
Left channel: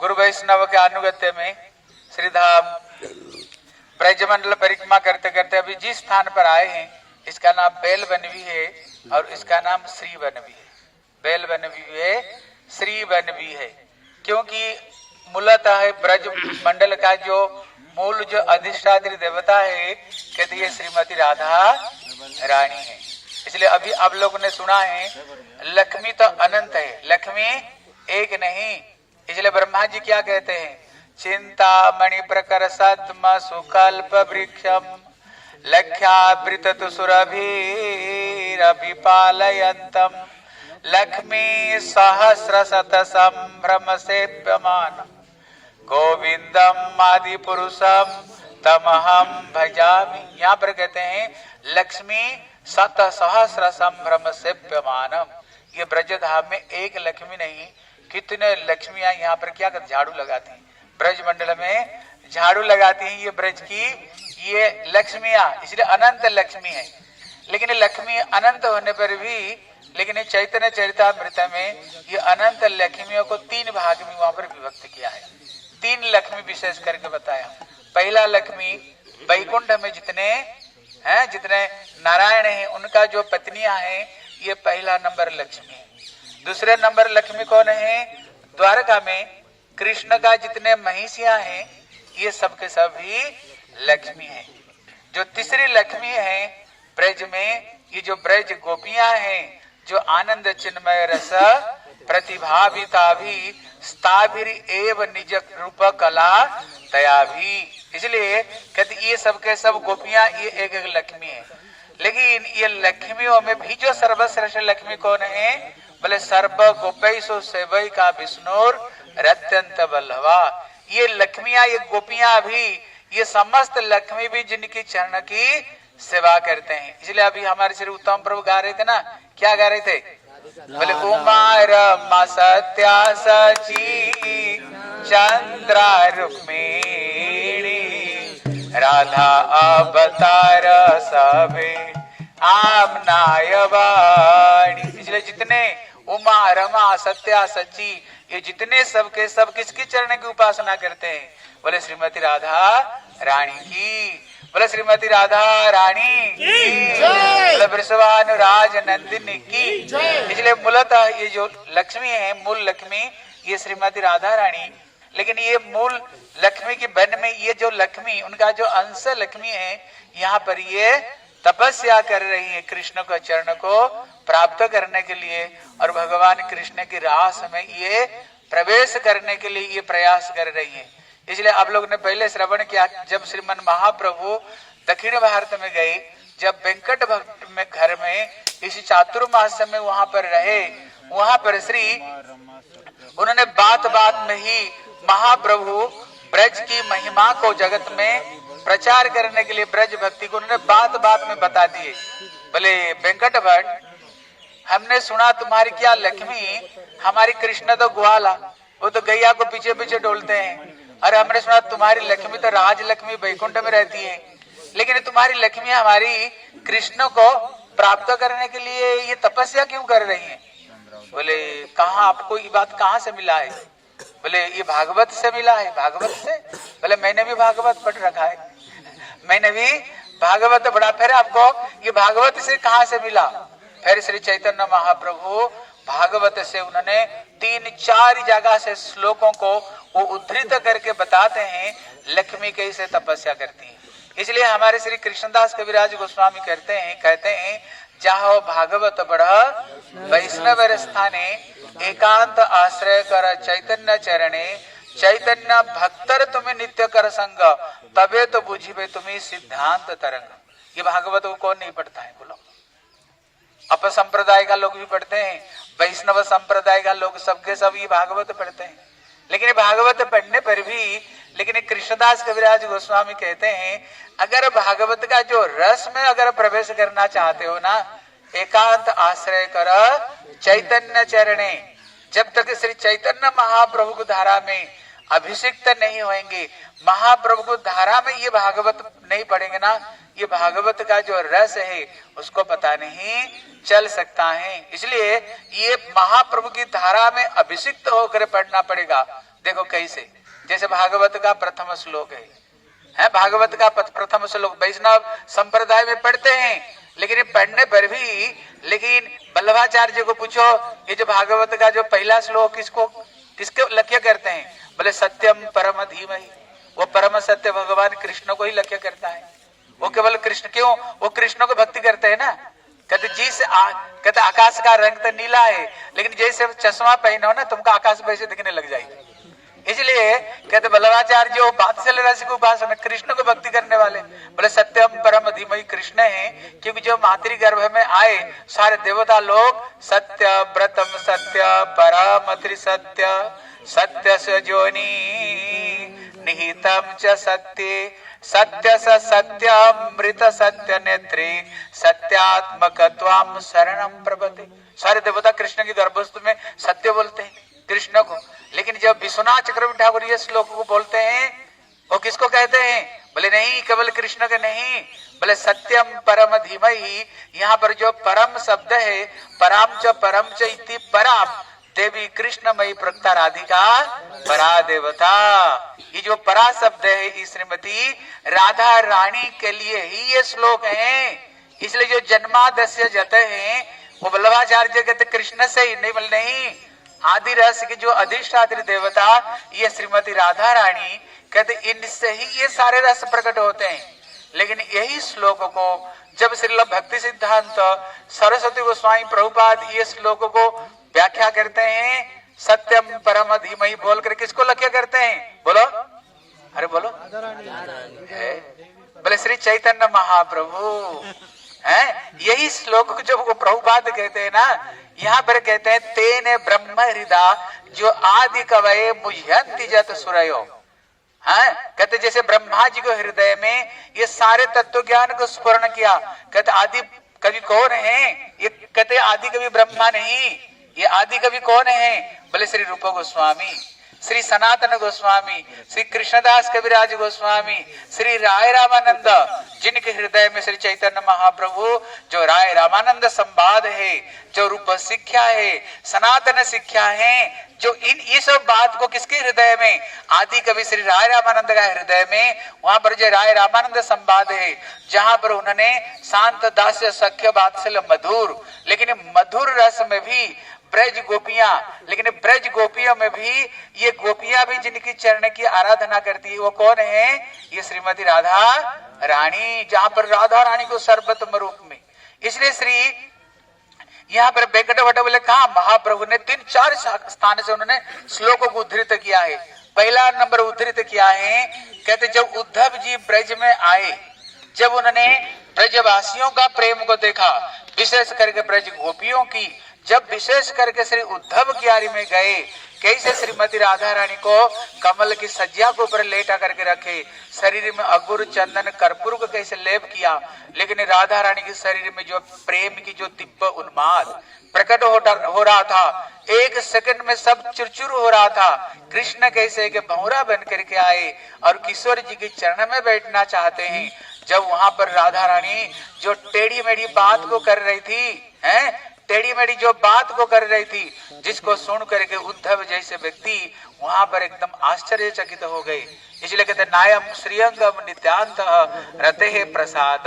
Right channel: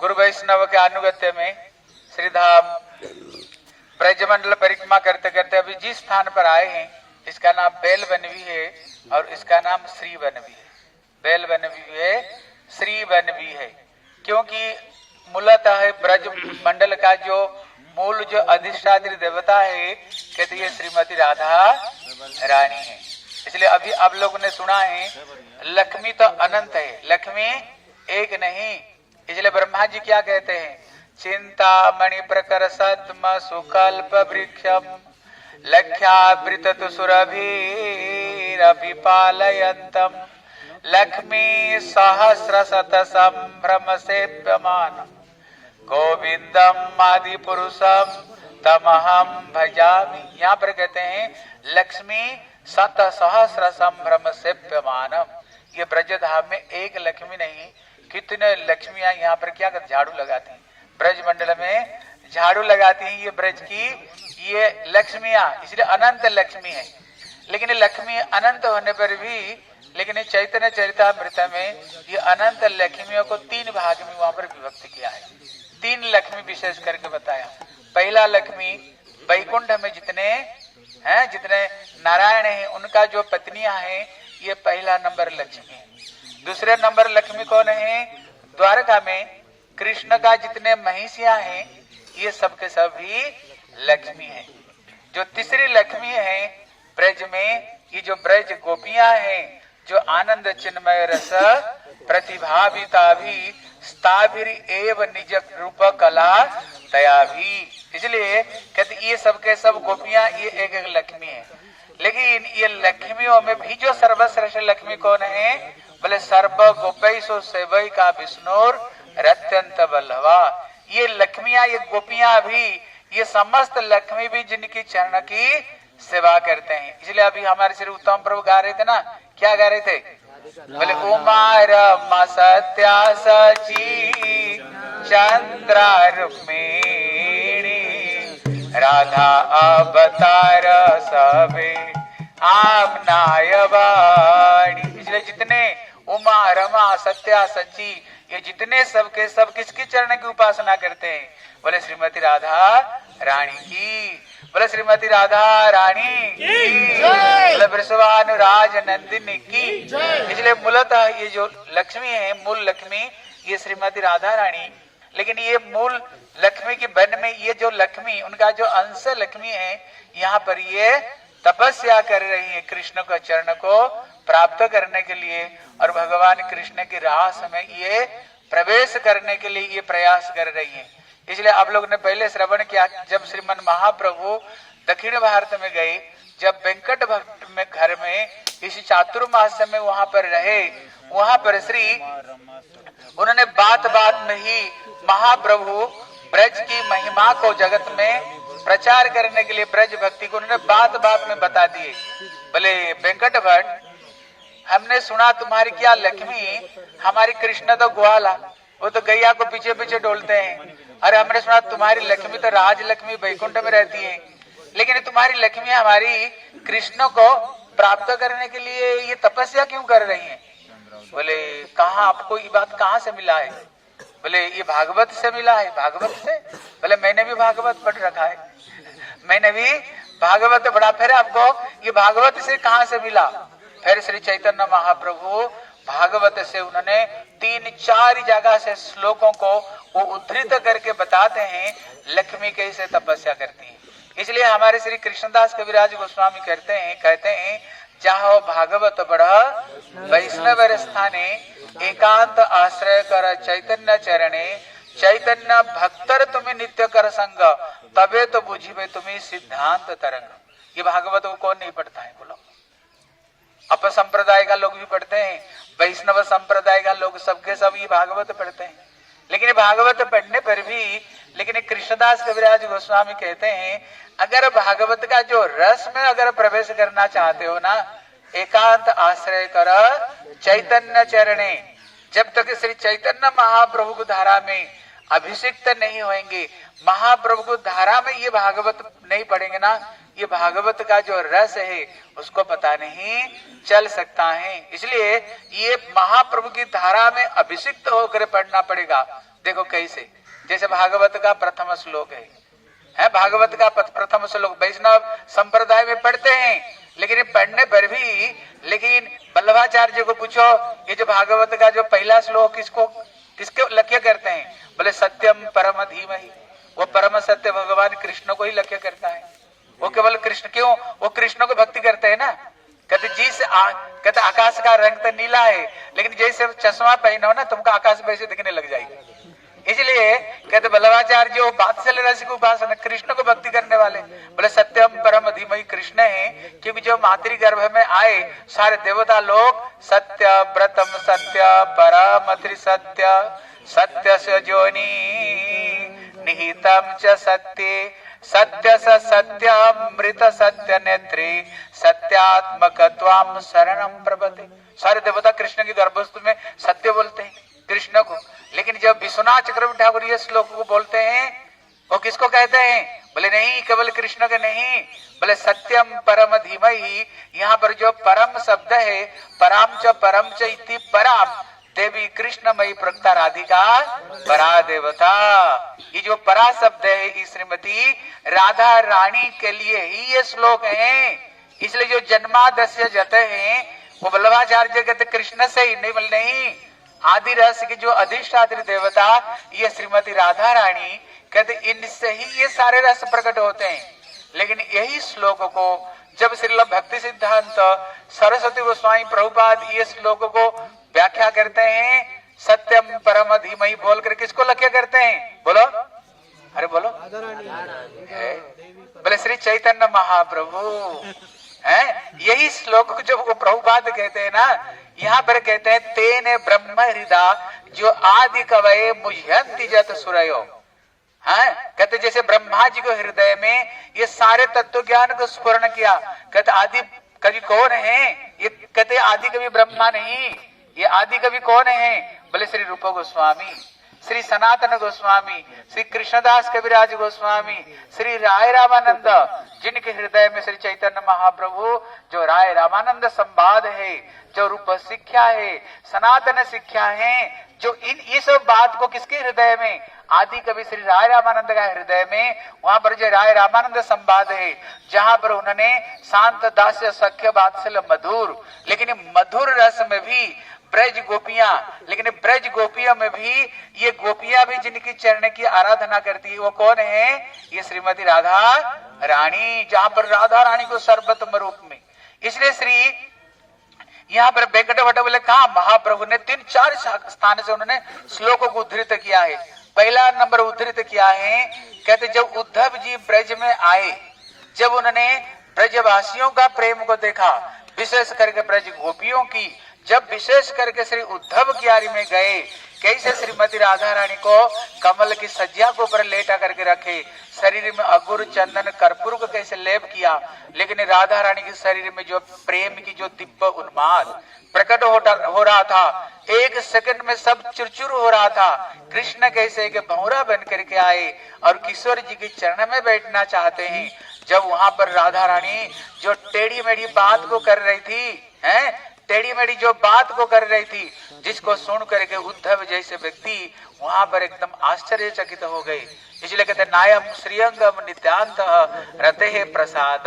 गुरु वैष्णव के अनुगत्य में श्रीधाम ब्रजमंडल परिक्रमा करते करते अभी जिस स्थान पर आए हैं इसका नाम बेल वन भी है और इसका नाम श्री वन भी है। बेल वन भी है, श्री वन भी है, क्योंकि मूलतः है ब्रज मंडल का जो मूल जो अधिष्ठात्री देवता है कहते ये श्रीमती राधा रानी है। इसलिए अभी आप लोगों ने सुना है लक्ष्मी तो अनंत है, लक्ष्मी एक नहीं। इसलिए ब्रह्मा जी क्या कहते हैं, चिंतामणि प्रकर सद्म सुकल्प वृक्षम लख्यावृत सुरभिरभिपालयन्तम लक्ष्मी सहस्र शत संभ्रम सेव्यमान गोविंदम आदि पुरुषम तमहम भजामि। यहाँ पर कहते हैं लक्ष्मी शत सहस्र संभ्रम सेव्यमानम। ये ब्रजधाम में एक लक्ष्मी नहीं, कितने लक्ष्मियां यहाँ पर क्या कर झाड़ू लगाती हैं, ब्रज मंडल में झाड़ू लगाती हैं ये ब्रज की ये लक्ष्मियां, इसलिए अनंत लक्ष्मी है। लेकिन लक्ष्मी अनंत होने पर भी, लेकिन चैतन्य चरितामृत में ये अनंत लक्ष्मियों को 3 भाग में वहां पर विभक्त किया है। 3 लक्ष्मी विशेष करके बताया। पहला लक्ष्मी वैकुंठ में जितने नारायण हैं उनका जो पत्नियां हैं ये पहला नंबर लक्ष्मी है। दूसरे नंबर लक्ष्मी कौन है, द्वारका में कृष्ण का जितने महिषियां हैं ये सबके सभी लक्ष्मी है। जो तीसरी लक्ष्मी है ब्रज में, ये जो ब्रज गोपियां हैं जो आनंद चिन्मय रस प्रतिभाविता भी स्थाभिर एव निज रूप कला तया भी। इसलिए कहते ये सब के सब गोपियां ये एक एक लक्ष्मी है। लेकिन ये लक्ष्मियों में भी जो सर्वश्रेष्ठ लक्ष्मी कौन है, बोले सर्व गोपैसो सेवैका विष्णुर रत्यंत बल्लवा। ये लक्ष्मियां ये गोपियां भी ये समस्त लक्ष्मी भी जिनकी चरण की सेवा करते हैं। इसलिए अभी हमारे श्री उत्तम प्रभु गा रहे थे ना, क्या गा रहे थे? बोले उमा रमा सत्या सची चंद्रा रुक्मिणी राधा अवतार सबे आमनाय वाणी। इसलिए जितने उमा रमा सत्या सची ये जितने सबके सब किसकी चरण की उपासना करते हैं? बोले श्रीमती राधा रानी की, बोले श्रीमती राधा रानी की, बोले वृषभानुराज नंदिनी की। इसलिए मूलतः ये जो लक्ष्मी है, मूल लक्ष्मी ये श्रीमती राधा रानी, लेकिन ये मूल लक्ष्मी की बहन में ये जो लक्ष्मी, उनका जो अंश लक्ष्मी है, यहाँ पर ये तपस्या कर रही है कृष्ण के चरण को प्राप्त करने के लिए, और भगवान कृष्ण की रास में ये प्रवेश करने के लिए ये प्रयास कर रही है। इसलिए आप लोग ने पहले श्रवण किया, जब श्रीमन महाप्रभु दक्षिण भारत में गए, जब वेंकट भक्त में घर में इसी चातुर्मास में वहां पर रहे, वहां पर श्री उन्होंने बात बात में ही महाप्रभु ब्रज की महिमा को जगत में प्रचार करने के लिए, ब्रज भक्ति को उन्होंने बात बात में बता दिए। बोले वेंकट भट्ट, हमने सुना तुम्हारी क्या लक्ष्मी, हमारी कृष्ण तो ग्वाला, वो तो गैया को पीछे पीछे डोलते हैं, अरे हमने सुना तुम्हारी लक्ष्मी तो राज लक्ष्मी वैकुंठ में रहती है, लेकिन तुम्हारी लक्ष्मी हमारी कृष्ण को प्राप्त करने के लिए ये तपस्या क्यों कर रही है? बोले कहाँ, आपको ये बात कहाँ से मिला है? बोले ये भागवत से मिला है। भागवत से? बोले मैंने भी भागवत पढ़ रखा है, मैंने भी भागवत पढ़ा। फिर आपको ये भागवत से कहाँ से मिला? फिर श्री चैतन्य महाप्रभु भागवत से उन्होंने 3-4 जगह से श्लोकों को वो उद्धृत करके बताते हैं लक्ष्मी कैसे तपस्या करती है। इसलिए हमारे श्री कृष्णदास कविराज गोस्वामी कहते हैं जहाँ भागवत बढ़ वैष्णव स्थाने एकांत आश्रय कर चैतन्य चरणे चैतन्य भक्तर तुम्हें नित्य कर संग तबे तो बुझिबे तुम्हें सिद्धांत तरंग। ये भागवत को कौन नहीं पढ़ता है? बोलो। अप संप्रदाय का लोग भी पढ़ते हैं, वैष्णव संप्रदाय का लोग सबके सब ये भागवत पढ़ते हैं, लेकिन भागवत पढ़ने पर भी, लेकिन कृष्णदास कविराज गोस्वामी कहते हैं अगर भागवत का जो रस में अगर प्रवेश करना चाहते हो ना, एकांत आश्रय कर चैतन्य चरणे, जब तक श्री चैतन्य महाप्रभु की धारा में अभिषिक्त नहीं होंगे, महाप्रभु को धारा में ये भागवत नहीं पढ़ेंगे ना, ये भागवत का जो रस है उसको पता नहीं चल सकता है। इसलिए ये महाप्रभु की धारा में अभिषिक्त होकर पढ़ना पड़ेगा। देखो कैसे, जैसे भागवत का प्रथम श्लोक है भागवत का प्रथम श्लोक वैष्णव संप्रदाय में पढ़ते हैं, लेकिन पढ़ने पर भी, लेकिन वल्लभाचार्य को पूछो ये जो भागवत का जो पहला श्लोक किसके लक्ष्य करते हैं? बोले सत्यम परम धीमहि, वो परम सत्य भगवान कृष्ण को ही लक्ष्य करता है। वो केवल कृष्ण, क्यों? वो कृष्ण को भक्ति करते हैं ना। कहते कहते आकाश का रंग तो नीला है, लेकिन जैसे चश्मा पहनो ना तुमको आकाश वैसे दिखने लग जाएगी। इसलिए कहते वल्लभाचार्य वो बात्सल्य रस को उपासना, कृष्ण को भक्ति करने वाले। बोले सत्यम परम धीमहि कृष्ण है, क्योंकि जो मातृ गर्भ में आए सारे देवता लोग सत्य व्रतम सत्य परम त्रिसत्य सत्य से जोनी निहितम च सत्य सत्य स सत्यामृत सत्य नेत्री सत्यात्मक त्वाम शरणम प्रपते। सारे देवता कृष्ण की गर्भस्थ में सत्य बोलते हैं कृष्ण को, लेकिन जब विश्वनाथ चक्रवर्ती ठाकुर ये श्लोक को बोलते हैं वो किसको कहते हैं? बोले नहीं, केवल कृष्ण के नहीं, बोले सत्यम परम धीमहि। यहाँ पर जो परम शब्द है, परम च इति पराम देवी कृष्णमयी प्रक्ता राधिका परा देवता, ये जो परा शब्द है ये श्रीमती राधा रानी के लिए ही ये श्लोक है। इसलिए जो जन्मादस्य जते हैं वो वल्लभाचार्य कहते कृष्ण से ही नहीं, आदि रस की जो अधिष्ठात्री देवता ये श्रीमती राधा रानी कहते इनसे ही ये सारे रस प्रकट होते हैं। लेकिन यही श्लोक को जब श्रील भक्ति सिद्धांत सरस्वती गोस्वामी प्रभुपाद ये श्लोक को व्याख्या करते हैं, सत्यम परम धीमहि बोलकर किसको लक्ष्य करते हैं? बोलो, अरे बोलो, बोले श्री चैतन्य महाप्रभु है। यही श्लोक जब वो प्रभुपाद कहते हैं ना, यहाँ पर कहते हैं तेने ब्रह्म हृदय जो आदि कवये मुह्यंति जत सुरयो हाँ, कहते जैसे ब्रह्मा जी को हृदय में ये सारे तत्व ज्ञान को स्फुरण किया। कहते आदि कवि कौन है? ये कहते आदि कवि ब्रह्मा नहीं, ये आदि कवि कौन है? बोले श्री रूप गोस्वामी, श्री सनातन गोस्वामी, श्री कृष्णदास कविराज गोस्वामी, श्री राय रामानंद, जिनके हृदय में श्री चैतन्य महाप्रभु जो राय रामानंद संवाद है, जो रूप शिक्षा है, सनातन शिक्षा है, जो ये सब बात को किसके हृदय में? आदि कवि श्री राय रामानंद का हृदय में, वहां पर जो राय रामानंद संवाद है, जहां पर उन्होंने शांत दास्य सख्य वात्सल्य मधुर, लेकिन मधुर रस में भी ब्रज गोपियां, लेकिन ब्रज गोपियों में भी ये गोपियां भी जिनकी चरण की आराधना करती है, वो कौन है? ये श्रीमती राधा रानी, जहां पर राधा रानी को सर्वोत्तम रूप में। इसलिए श्री यहाँ पर वेंकट भट्ट बोले कहा महाप्रभु ने 3-4 स्थान से उन्होंने श्लोकों को उद्धृत किया है। पहला नंबर उद्धृत किया है, कहते जब उद्धव जी ब्रज में आए, जब उन्होंने ब्रजवासियों का प्रेम को देखा, विशेष करके ब्रज गोपियों की, जब विशेष करके श्री उद्धव क्यारी में गए, कैसे श्रीमती राधा रानी को कमल की सज्जा के ऊपर लेटा करके रखे, शरीर में अगुर चंदन कर्पूर को कैसे लेप किया, लेकिन राधा रानी के शरीर में जो प्रेम की जो दिव्य उन्माद प्रकट हो रहा था, एक सेकंड में सब चुरचुर हो रहा था। कृष्ण कैसे के भंवरा बन करके आए और किशोर जी के चरण में बैठना चाहते हैं। जब वहां पर राधा रानी जो टेढ़ी मेढ़ी बात को कर रही थी, हैं, टेढ़ी मेढ़ी जो बात को कर रही थी, जिसको सुन करके उद्धव जैसे व्यक्ति वहां पर एकदम आश्चर्यचकित हो गए। इसलिए कहते नायम श्रीअंगम नित्यांत रते प्रसाद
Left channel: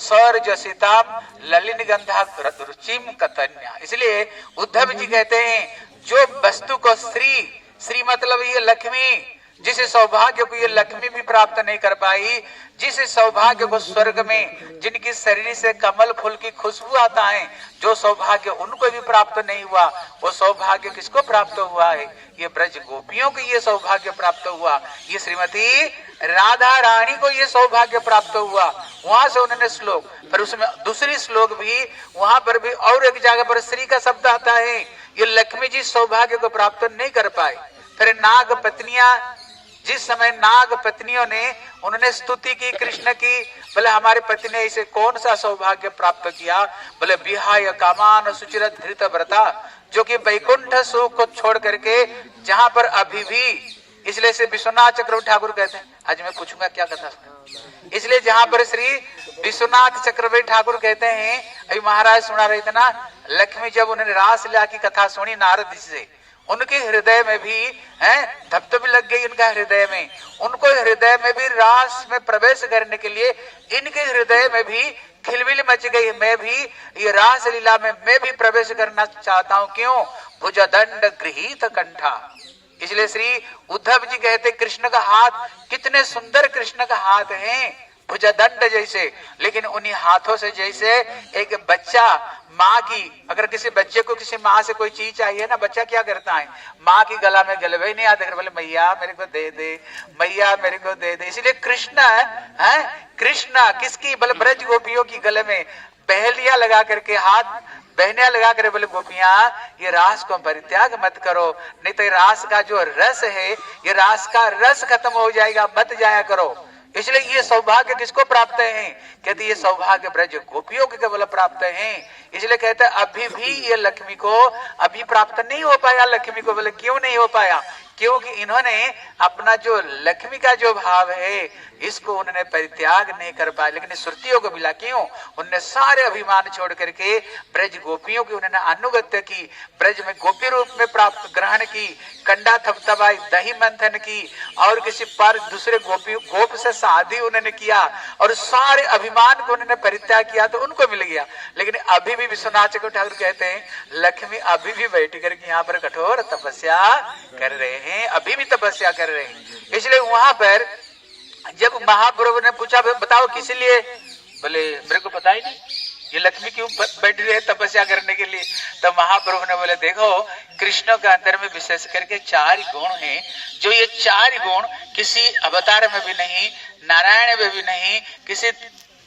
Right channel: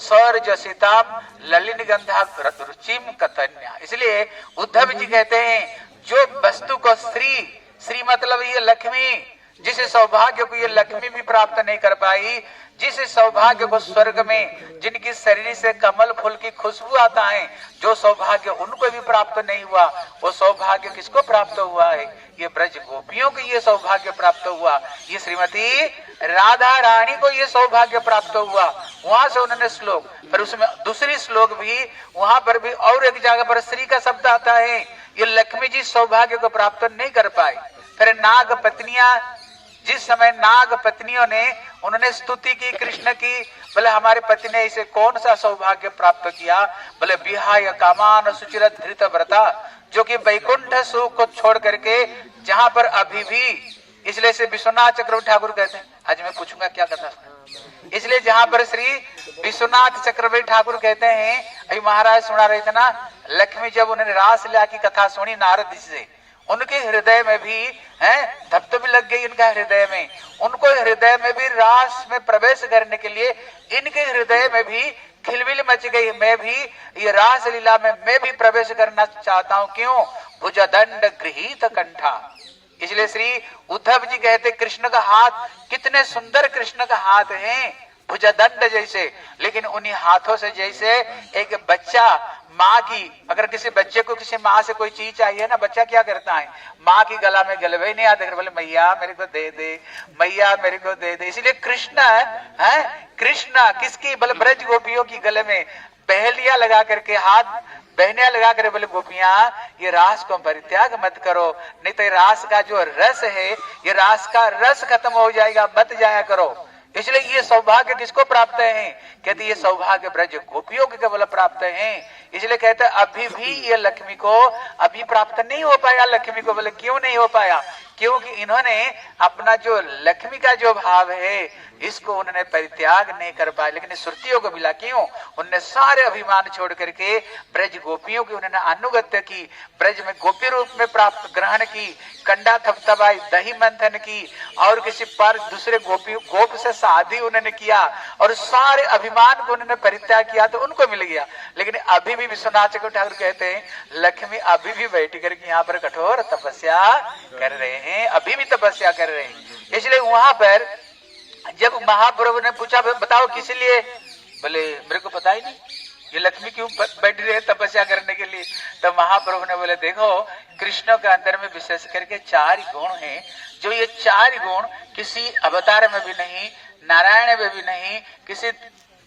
सौर्ज सीताम ललिन गंधा रुचिम कतन्या। इसलिए उद्धव जी कहते हैं जो वस्तु को श्री मतलब ये लक्ष्मी, जिस सौभाग्य को ये लक्ष्मी भी प्राप्त नहीं कर पाई, जिस सौभाग्य को स्वर्ग में जिनकी शरीर से कमल फूल की खुशबू आता है, जो सौभाग्य उनको भी प्राप्त नहीं हुआ, वो सौभाग्य किसको प्राप्त हुआ है? ये ब्रज गोपियों को ये सौभाग्य प्राप्त हुआ, ये श्रीमती राधा रानी को ये सौभाग्य प्राप्त हुआ। वहां से उन्होंने श्लोक, पर उसमें दूसरी श्लोक भी, वहां पर भी और एक जगह पर श्री का शब्द आता है। ये लक्ष्मी जी सौभाग्य को प्राप्त नहीं कर पाए। फिर नाग पत्नियां, जिस समय नाग पत्नियों ने उन्होंने स्तुति की कृष्ण की, बोले हमारे पति ने इसे कौन सा सौभाग्य प्राप्त किया? बोले विहाय कामान सुचिर धृत व्रता, जो कि वैकुंठ सुख को छोड़ करके जहां पर अभी भी, इसलिए से विश्वनाथ चक्रवर्ती ठाकुर कहते हैं, आज मैं पूछूंगा क्या कथा, इसलिए जहां पर श्री विश्वनाथ चक्रवर्ती ठाकुर कहते हैं, अभी महाराज सुना रहे थे ना, लक्ष्मी जब उन्होंने रासलीला की कथा सुनी नारद जी से, उनके हृदय में भी हैं धपधप लग गई, इनका हृदय में, उनको हृदय में भी रास में प्रवेश करने के लिए इनके हृदय में भी खिलबिल मच गई। मैं भी ये रास लीला में मैं भी प्रवेश करना चाहता हूँ। क्यों? भुजदंड गृहीत कंठा। इसलिए श्री उद्धव जी कहते कृष्ण का हाथ, कितने सुंदर कृष्ण का हाथ है, भुजदंड जैसे, लेकिन उन्हीं हाथों से जैसे एक बच्चा माँ की, अगर किसी बच्चे को किसी माँ से कोई चीज चाहिए ना, बच्चा क्या करता है? माँ की गला में गलवे ही नहीं आते, बोले मैया मेरे को दे दे, मैया मेरे को दे दे। इसलिए कृष्ण है, कृष्ण किसकी? बोले ब्रज गोपियों की गले में पहलिया लगा करके, हाथ बहनिया लगा कर बोले गोपियां ये रास को परित्याग मत करो, नहीं तो रास का जो रस है, ये रास का रस खत्म हो जाएगा, मत जाया करो। इसलिए ये सौभाग्य किसको प्राप्त है? कहते ये सौभाग्य ब्रज गोपियों के केवल प्राप्त है। इसलिए कहते अभी भी ये लक्ष्मी को अभी प्राप्त नहीं हो पाया। लक्ष्मी को बोले क्यों नहीं हो पाया? क्योंकि इन्होंने अपना जो लक्ष्मी का जो भाव है इसको उन्होंने परित्याग नहीं कर पाया। लेकिन श्रुतियों को मिला, क्यों? उन्होंने सारे अभिमान छोड़ करके ब्रज गोपियों की उन्होंने अनुगत्य की, ब्रज में गोपी रूप में प्राप्त ग्रहण की, कंडा थपथपाई, दही मंथन की, और किसी पर दूसरे गोप से शादी उन्होंने किया, और सारे अभिमान को उन्होंने परित्याग किया तो उनको मिल गया। लेकिन अभी भी विश्वनाथ चक्रवर्ती ठाकुर कहते हैं लक्ष्मी अभी भी बैठ करके यहाँ पर कठोर तपस्या कर रहे हैं, अभी भी तपस्या कर रहे हैं। इसलिए वहां पर जब महाप्रभु ने पूछा बताओ किस लिए? बोले मेरे को पता ही नहीं, ये लक्ष्मी क्यों बैठ रही है तपस्या करने के लिए? तो महाप्रभु ने बोले देखो कृष्ण के अंदर में विशेष करके 4 गुण हैं, जो ये 4 गुण किसी अवतार में भी नहीं, नारायण में भी नहीं, किसी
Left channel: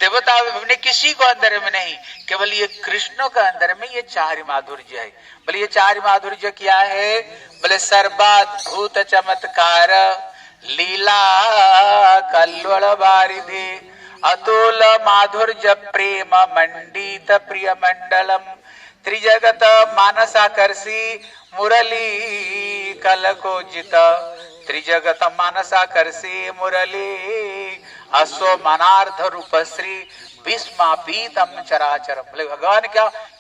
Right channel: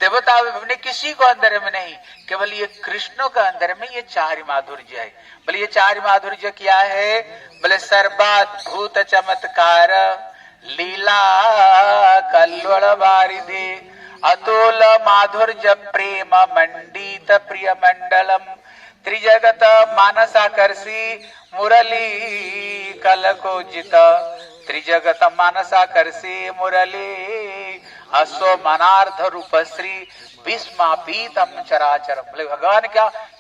देवता में भी नहीं, किसी को अंदर में नहीं, केवल ये कृष्ण के अंदर में ये 4 माधुर्य है। बोले ये 4 माधुर्य क्या है? बोले सर्वाद्भुत चमत्कार लीला कल्वल वारिधे अतुल माधुर्य प्रेम मंडित प्रिय मंडलम त्रिजगत मानसाकर्षी मुरली कलकोजित त्रिजगत मानसाकर्षी मुरली अश्व मनार्थ रूप श्री विस्मापीतम चराचर। बोले भगवान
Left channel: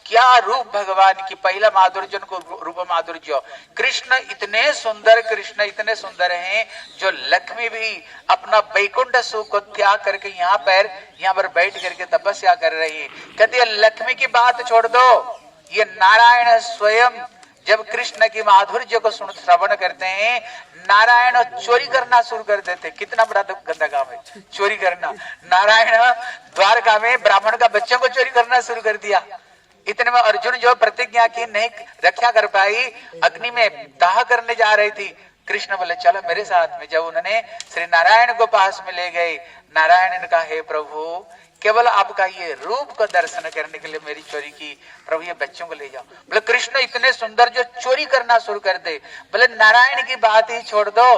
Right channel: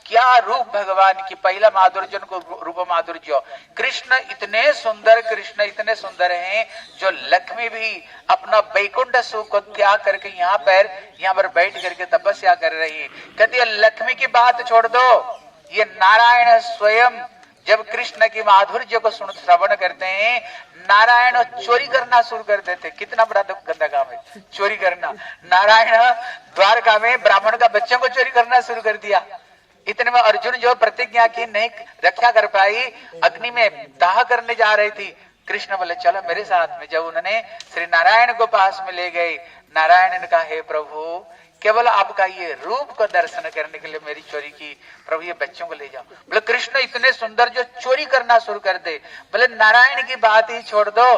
क्या रूप भगवान की, पहला माधुर्य को रूप माधुर्य। कृष्ण इतने सुंदर हैं जो लक्ष्मी भी अपना वैकुंठ सुख को त्याग करके यहाँ पर बैठ करके तपस्या कर रही है। कहती है लक्ष्मी की बात छोड़ दो, ये नारायण स्वयं जब कृष्ण की माधुर्य को श्रवण करते हैं, नारायण चोरी करना शुरू कर देते। कितना बड़ा गंदा काम है चोरी करना। नारायण द्वारका में ब्राह्मण का बच्चों को चोरी करना शुरू कर दिया। इतने में अर्जुन जो प्रतिज्ञा की नहीं रक्षा कर पाई, अग्नि में दाह करने जा रही थी, कृष्ण बोले चलो मेरे साथ में। जब उन्होंने श्री नारायण को पास में ले गए, नारायण ने कहा हे प्रभु केवल आपका ये रूप का दर्शन करने के लिए मेरी चोरी की, प्रभु ये बच्चों को ले जाओ। बोले कृष्ण इतने सुंदर जो चोरी करना शुरू कर दे। बोले नारायण की बात ही छोड़ दो।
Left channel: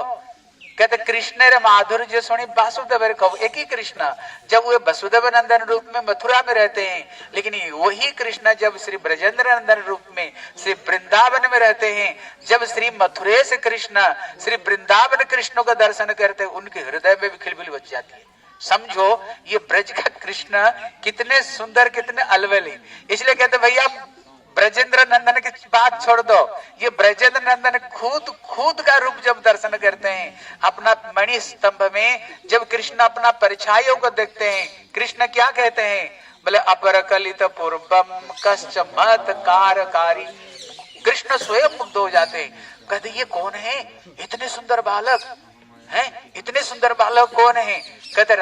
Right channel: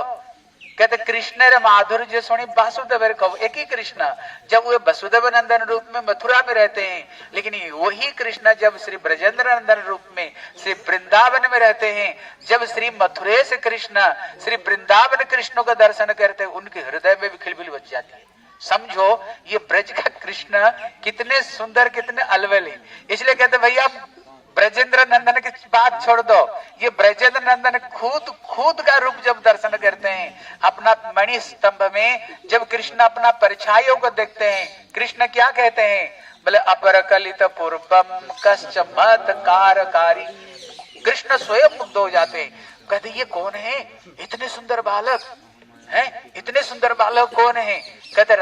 कहते कृष्ण रे माधुर्य सुनी वासुदेव कहो, एक ही कृष्ण जब वे वसुदेव नंदन रूप में मथुरा में रहते हैं, लेकिन वही कृष्ण जब श्री ब्रजेंद्र नंदन रूप में श्री वृंदावन में रहते हैं, जब श्री मथुरेश कृष्ण श्री वृंदावन कृष्ण का दर्शन करते हैं, उनके हृदय में भी खिलबिल बच जाती है। समझो ये ब्रज का कृष्ण कितने सुंदर कितने अलवल है। इसलिए कहते भैया ब्रजेंद्र नंदन की बात छोड़ दो, ये ब्रजेंद्र नंदन खुद का रूप जब दर्शन करते हैं, अपना मणि स्तंभ में जब कृष्ण अपना परछाइयों को देखते हैं, कृष्ण क्या कहते हैं? बोले अपरकलित पूर्वम कश्चमत्कारकारी। कृष्ण स्वयं मुग्ध हो जाते हैं, कहते ये कौन है? इतने सुंदर बालक हैं, इतने सुंदर बालक कौन है? कहते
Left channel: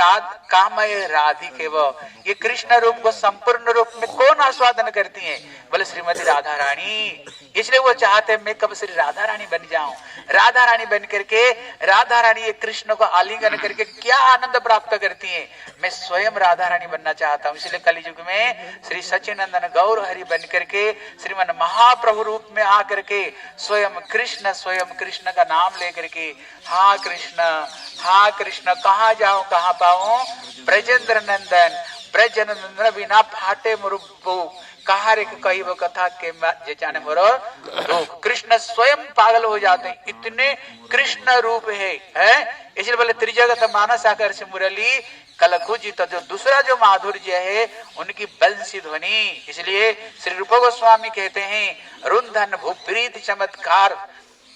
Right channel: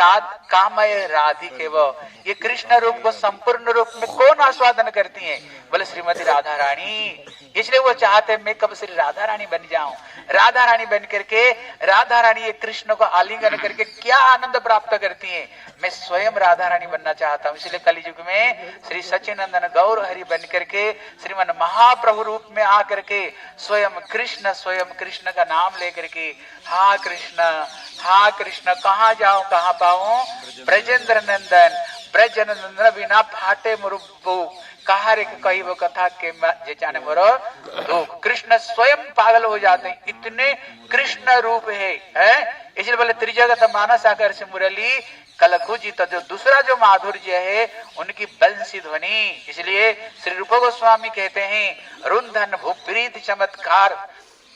कामय राधिके वो, ये कृष्ण रूप को संपूर्ण रूप में कौन आस्वादन करती हैं? बोले श्रीमती राधा रानी। इसलिए वो चाहते मैं कब श्री राधा रानी बन जाऊं। राधा रानी बन करके राधा रानी ये कृष्ण को आलिंगन करके क्या आनंद प्राप्त करती हैं। मैं स्वयं राधा रानी बनना चाहता हूँ। इसलिए कलियुग में श्री सच्चिदानंद गौर हरि बन करके श्रीमन महाप्रभु रूप में आकर के स्वयं कृष्ण का नाम लेकर के हाँ कृष्ण कहाँ जाऊं कहाँ पाऊं? ब्रजेंद्र नंदन बिना फाटे मुरुब्बू कहा रे कही वो कथा के जाने मोरो लोग। कृष्ण स्वयं पागल हो जाते हैं, इतने कृष्ण रूप है। इसलिए बोले त्रिजगत मानस आकर से मुरली कलकुजी। तो जो दूसरा जो माधुर्य है उनकी बंसी ध्वनि। इसलिए श्री रूप गोस्वामी कहते हैं रुंधन भूप्रीत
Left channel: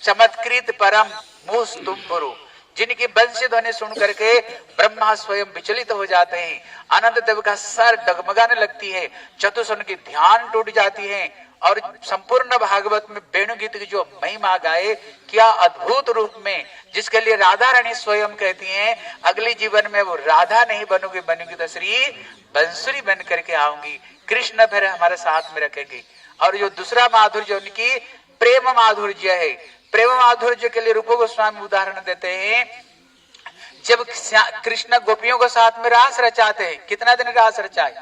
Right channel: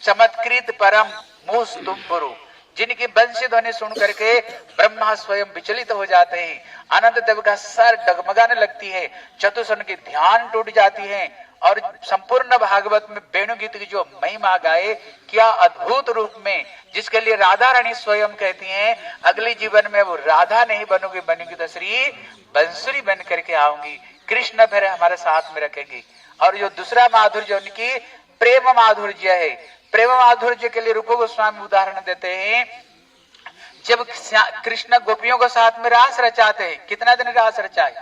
चमत्कृत परम मूस तुम पुरु। जिनकी बंसी ध्वनि सुन करके ब्रह्मा स्वयं विचलित हो जाते हैं, आनंद देव का सर डगमगाने लगती है, चतुर्सन की ध्यान टूट जाती है और संपूर्ण भागवत में वेणुगीत की जो महिमा गाए, क्या अद्भुत रूप में, जिसके लिए राधा रानी स्वयं कहती हैं अगले जीवन में वो राधा नहीं बनूंगी तो श्री बंसुरी बन करके आऊंगी, कृष्ण फिर हमारे साथ में रखेगी। और जो दूसरा माधुर्य उनकी प्रेम माधुर्य है। प्रेम माधुर्य के लिए रूप गोस्वामी उदाहरण देते हैं, जब कृष्ण गोपियों के साथ में रास रचाते हैं, कितना दिन रास रचाए?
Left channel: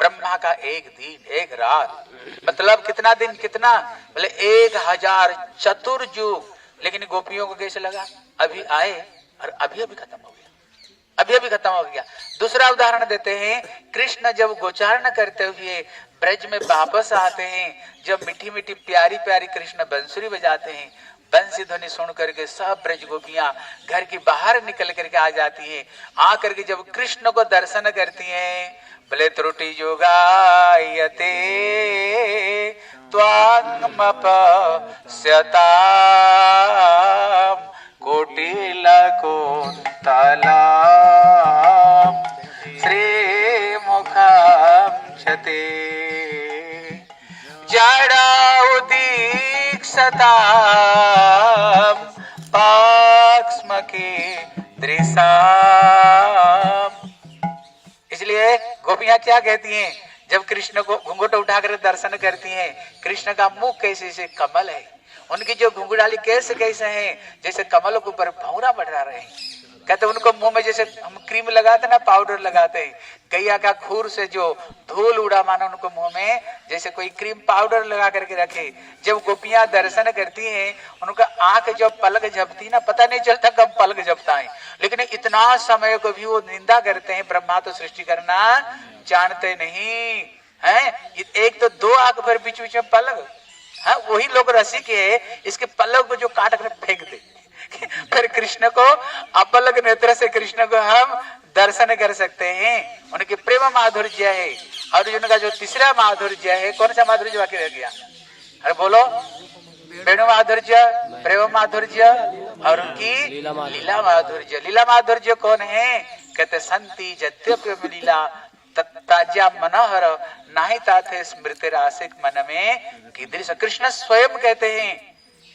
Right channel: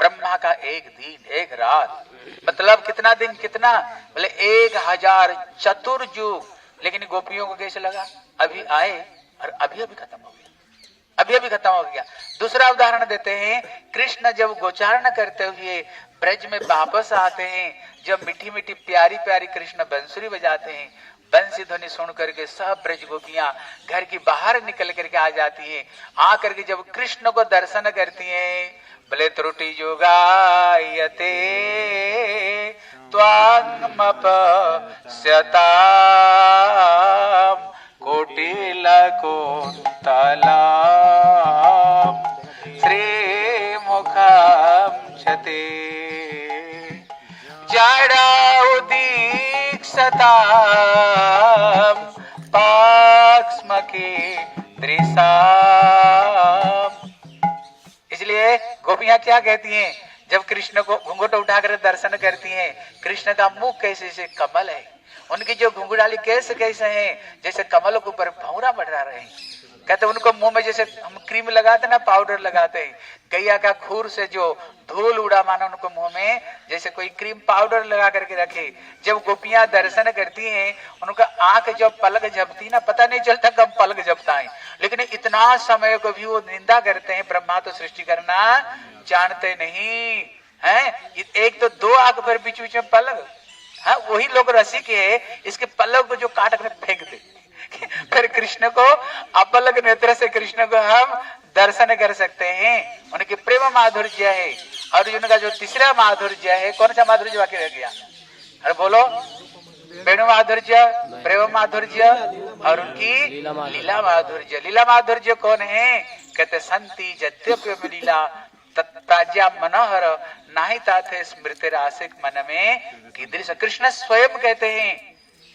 ब्रह्मा का एक दिन एक रात, मतलब कितना दिन कितना? बोले 1000 चतुर्युग। लेकिन गोपियों को कैसे लगा? अभी आए और अभी खत्म हो गया, अभी खत्म हो गया। दूसरा उदाहरण देते हैं, कृष्ण जब गोचारण करते हुए ब्रज में वापस आते हैं, जब मीठी मीठी प्यारी प्यारी कृष्ण बंसुरी बजाते हैं, बंसी ध्वनि सुन करके सब ब्रज गोपियां घर की बाहर निकल करके आ जाती हैं। आकर के जब कृष्ण को दर्शन करती हैं, बोले त्रुटि योगायते त्वामपश्यताम कोटिलकुन्तलाम श्रीमुखं क्षते जडौदीक्षतां पाक्ष्मके दृशाम्। इसलिए गोपियां क्या कहती हैं जब कृष्ण को घूंघट उठाकर दर्शन करती हैं? कृष्ण का मुख कैसे से कमल है, उनकी जो घुंघराली कैसे हैं जैसे कमल के ऊपर भौरा बढ़ा रहे हैं। कहते उनको मुंह में जैसे हम क्रीम लगाते ना, पाउडर लगाते हैं, गैया का खूर से जो धूल उड़ा मानो उनको मुंह में जैसे कोई क्रीम पाउडर लगा करके रखे। जब गोपियां दर्शन करती हैं उनका आंख जब पलक झपती ना, पता नहीं चलता कब पलक झपता है, लेकिन इतना समय को भी वो निंदा करते हैं। ब्रह्मा तो सृष्टि करना जानते नहीं है। एक तो दो आंख पर बीच बीच में पलक, हाँ वही लोग रसिक है, इसके पलक को जो काट कर फेंक दे। फिर कृष्ण को अपलक नेत्र से कृष्ण को हम दर्शन कर सकते हैं। उनकी प्रेम माधुर्य है। अर्जुन का जो तीसरा माधुर्य है, कौन सा माधुर्य बाकी रह गया? अरे बोलो, वेणु माधुर्य, प्रेम माधुर्य और उनकी लीला माधुर्य। लीला माधुर्य कौन है? कहते संति जद्यप्य लीला ताजा मनोहर नाही ताथे स्मृति रासिक मन में कीदृश। कृष्ण स्वयं कहते हैं,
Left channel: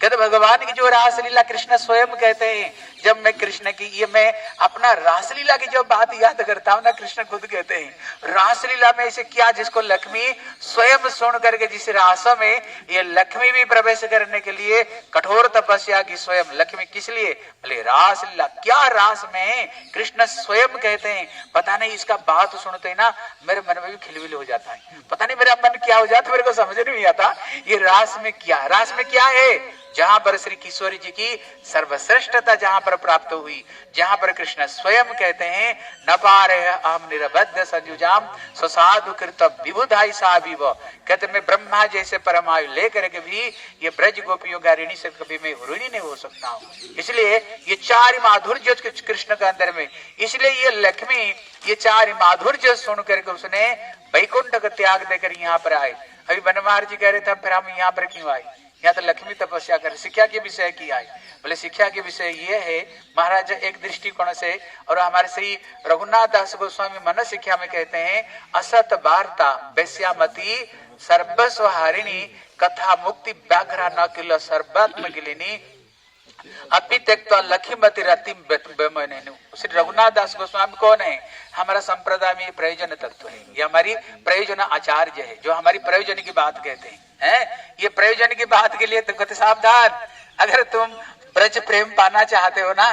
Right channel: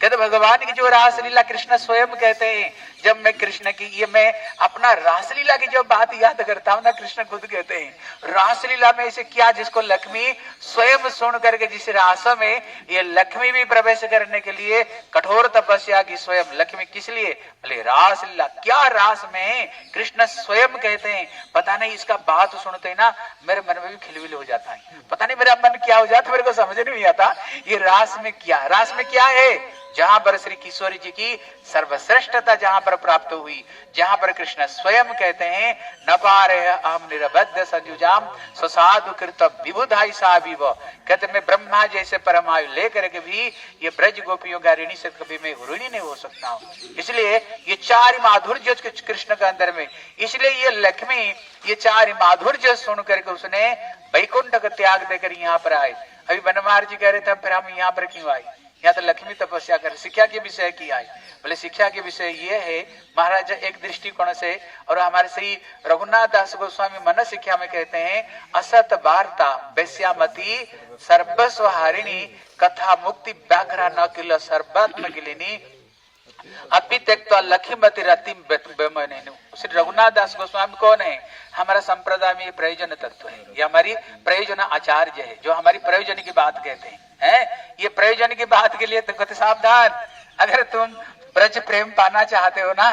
कहते भगवान की जो रासलीला कृष्ण स्वयं कहते हैं। जब मैं कृष्ण की ये मैं अपना रासलीला की जब बात याद करता हूँ ना, कृष्ण खुद कहते हैं रासलीला में ऐसे क्या जिसको लक्ष्मी स्वयं सुन करके, जिस रास में ये लक्ष्मी भी प्रवेश करने के लिए कठोर तपस्या की स्वयं लक्ष्मी, किस लिए? बोले रासलीला। क्या रास में? कृष्ण स्वयं कहते हैं। पता नहीं इसका बात सुनते ना मेरे मन में भी खिलबिल हो जाता है, पता नहीं मेरा मन क्या हो जाता, मेरे को समझ नहीं आता ये रास में क्या। रास में क्या है? जहां पर श्री किशोरी जी की सर्वश्रेष्ठता जहां पर प्राप्त हुई, जहां पर कृष्ण स्वयं कहते हैं न पारे अहम निरबद्ध संयुजाम स्वसाधु कृत विबुधाई साविव। कहते मैं ब्रह्मा जैसे परमायु लेकर के भी ये ब्रज गोपियों का ऋणी से कभी मैं ऋणी नहीं हो सकता हूँ। इसलिए ये चार माधुर्य कृष्ण के अंदर में, इसलिए ये लक्ष्मी ये चार माधुर्य सुन करके उसने वैकुंठ का त्याग देकर यहाँ पर आए। अभी बनवार जी कह रहे थे फिर हम यहाँ पर क्यों आए? यहाँ तो लक्ष्मी तपस्या कर शिक्षा के विषय की आई। बोले शिक्षा के विषय ये है महाराज एक दृष्टिकोण से, और हमारे श्री रघुनाथ दास गोस्वामी मन शिक्षा में कहते हैं असत वार्ता वैश्यामती सर्वस्व हारिणी कथा मुक्ति व्याघ्रा न किल सर्वात्म गिलिनी अभी त्यक्ता लक्ष्मीमती रतिम बेमनेनु। श्री रघुनाथ दास गोस्वामी कौन है? हमारा संप्रदाय में प्रयोजन तत्व है, ये हमारी प्रयोजन आचार्य है, जो हमारी प्रयोजन की बात कहते हैं। ये प्रयोजन की बात के लिए तो कहते सावधान, अगर तुम ब्रज प्रेम पाना चाहते हो ना,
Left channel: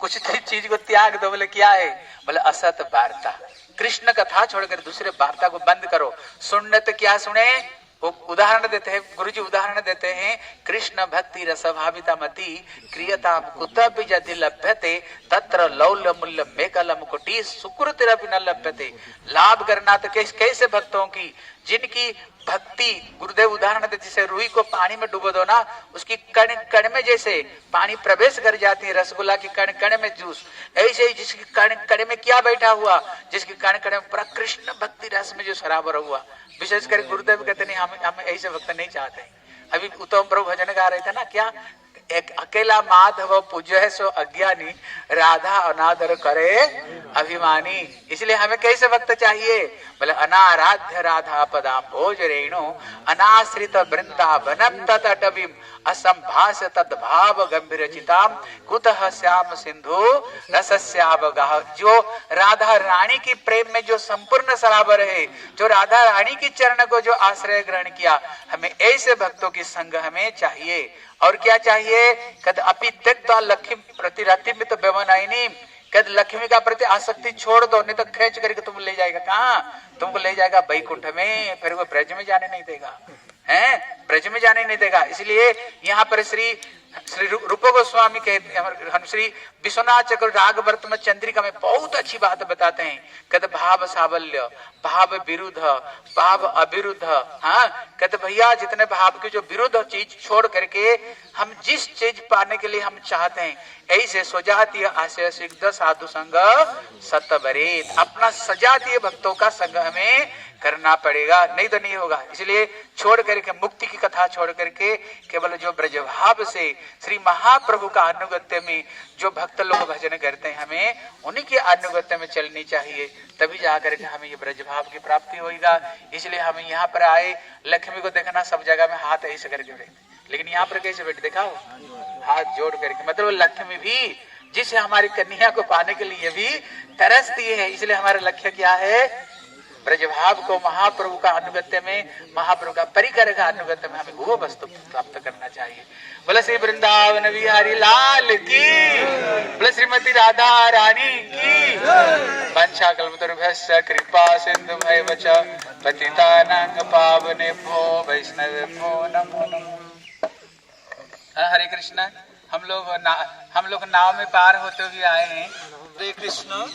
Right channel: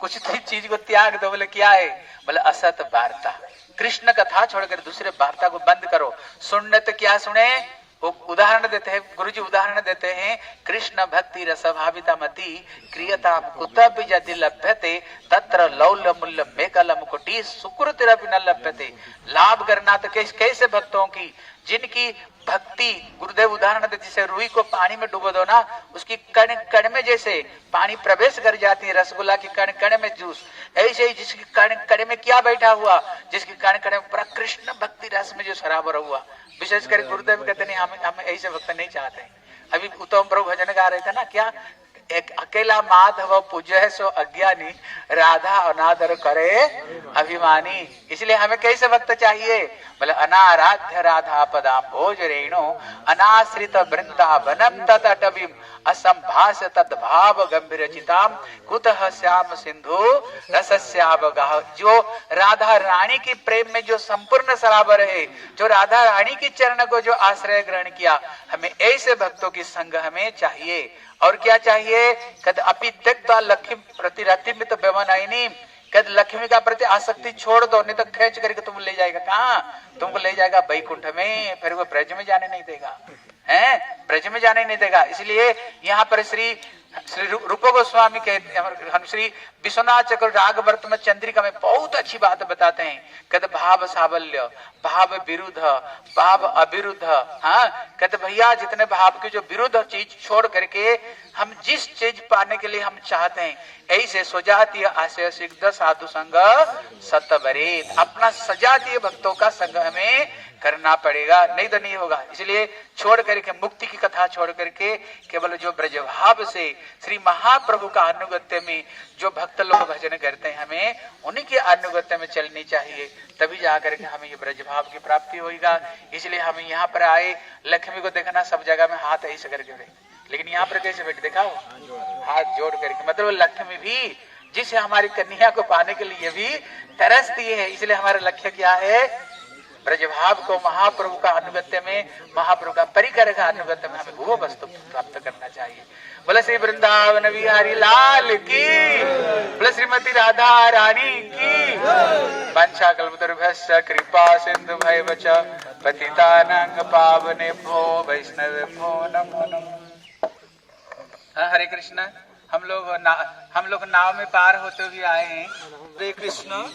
कुछ चीज को त्याग दो। बोले क्या है? बोले असत वार्ता, कृष्ण कथा छोड़कर दूसरे वार्ता को बंद करो। सुनने तो क्या सुने? वो उदाहरण देते हैं गुरुजी, उदाहरण देते हैं कृष्ण भक्ति रसभाविता मति क्रियताम कुतः यदि लभ्यते तत्र लौल्य मूल्य मेकलम कोटि सुकृतिरपि न लभ्यते। लाभ करना तो कैसे भक्तों की जिनकी भक्ति, गुरुदेव उदाहरण देते जैसे रुई को पानी में डुबो दो ना, उसकी कण कण में जैसे पानी प्रवेश कर जाती है, रसगुल्ला की कण कण में जूस, ऐसे ही जिसकी कण कण में क्या बैठा हुआ, जिसकी कण कण में पूरा कृष्ण भक्ति रस में जो सराबर हुआ। विशेषकर गुरुदेव कहते नहीं हम ऐसे भक्त नहीं चाहते। अभी उत्तम प्रभु भजन गा रहे थे ना, क्या एक अकेला माधव पूज्य सो अज्ञानी राधा अनादर करे अभिमानी। इसलिए हमें कैसे भक्त चाहिए? बोले अनाराध्य राधा पदाम भोज रेणु अनाश्रित वृंदावनम तटवीम असंभाष्य तद्भाव गंभीर चिताम कुतः श्याम सिंधु रसस्यावगाह। जो राधा रानी की प्रेम में जो संपूर्ण सराबर है, जो राधा रानी की चरण को जो आश्रय ग्रहण किया, हमें ऐसे भक्तों की संग हमें चाहिए। और क्या चाहिए? कहते अपि त्यक्त्वा लक्ष्मी प्रति रति में तो बेमनाइनी, कहते लक्ष्मी का प्रति आसक्ति छोड़ दो, नहीं तो खेच करके तुम ले जाएगा कहाँ? तुमको ले जाएगा वैकुंठ में, फिर वो ब्रज में जाने नहीं देगा, हैं ब्रज में जाने नहीं देगा। इसलिए यहाँ पर श्री रूप गोस्वामी कहते हैं, हम श्री विश्वनाथ चक्र राग वर्तमान चंद्रिका में बहुत अच्छी बात बताते हैं। कहते भाव सावल्य, भाव विरुद्ध, भाव अविरुद्ध। हाँ कहते भैया जितने भाव के जो विरुद्ध चीज छोड़ करके हम जिस चीज पाने के लिए हम चाहते हैं, ऐसे स्वजातीय आशय सिद्ध साधु संग सतबरेत, अपना सजातीय भक्तों का संग हमें करना पड़ेगा, नहीं तो नहीं होगा। इसलिए छोड़ करके मुक्ति की कथा छोड़ करके केवल जो ब्रजभाव से श्री महाप्रभु का अनुगत्य में जो भक्त लोग भजन करते हैं, हमें उन्हीं के अनुगत्य में चलनी चाहिए, तभी जाकर के हमें ये ब्रजभाव की प्राप्ति होगा। इसलिए हम यहाँ पर आए, लक्ष्मी को देखना सब जगह में हाथ ऐसे करके बैठे, लेकिन यहाँ पर कैसे बैठे दिखाओ, हाथ जोड़ करके। मतलब लक्ष्मी भी जिसे हमारी कन्या को पाने के लिए भी तरसती है। इसलिए हमारा लक्ष्य क्या है? ब्रजभाव को महाप्रभु का अनुगत्य में, महाप्रभु का परिकर का अनुगत्य में हमें वो वस्तु प्राप्त करना चाहिए। बोले श्री वृंदावन बिहारी लाल की, बोले श्रीमती राधा रानी की। वंशा कल्पतरुभ्यश्च कृपा सिंधु भैवच पतितानां पावनेभ्यो वैष्णवेभ्यो नमो नमः। हरे कृष्ण। हम लोग नाव में पार होते हुए आए हैं। हरे कृष्ण।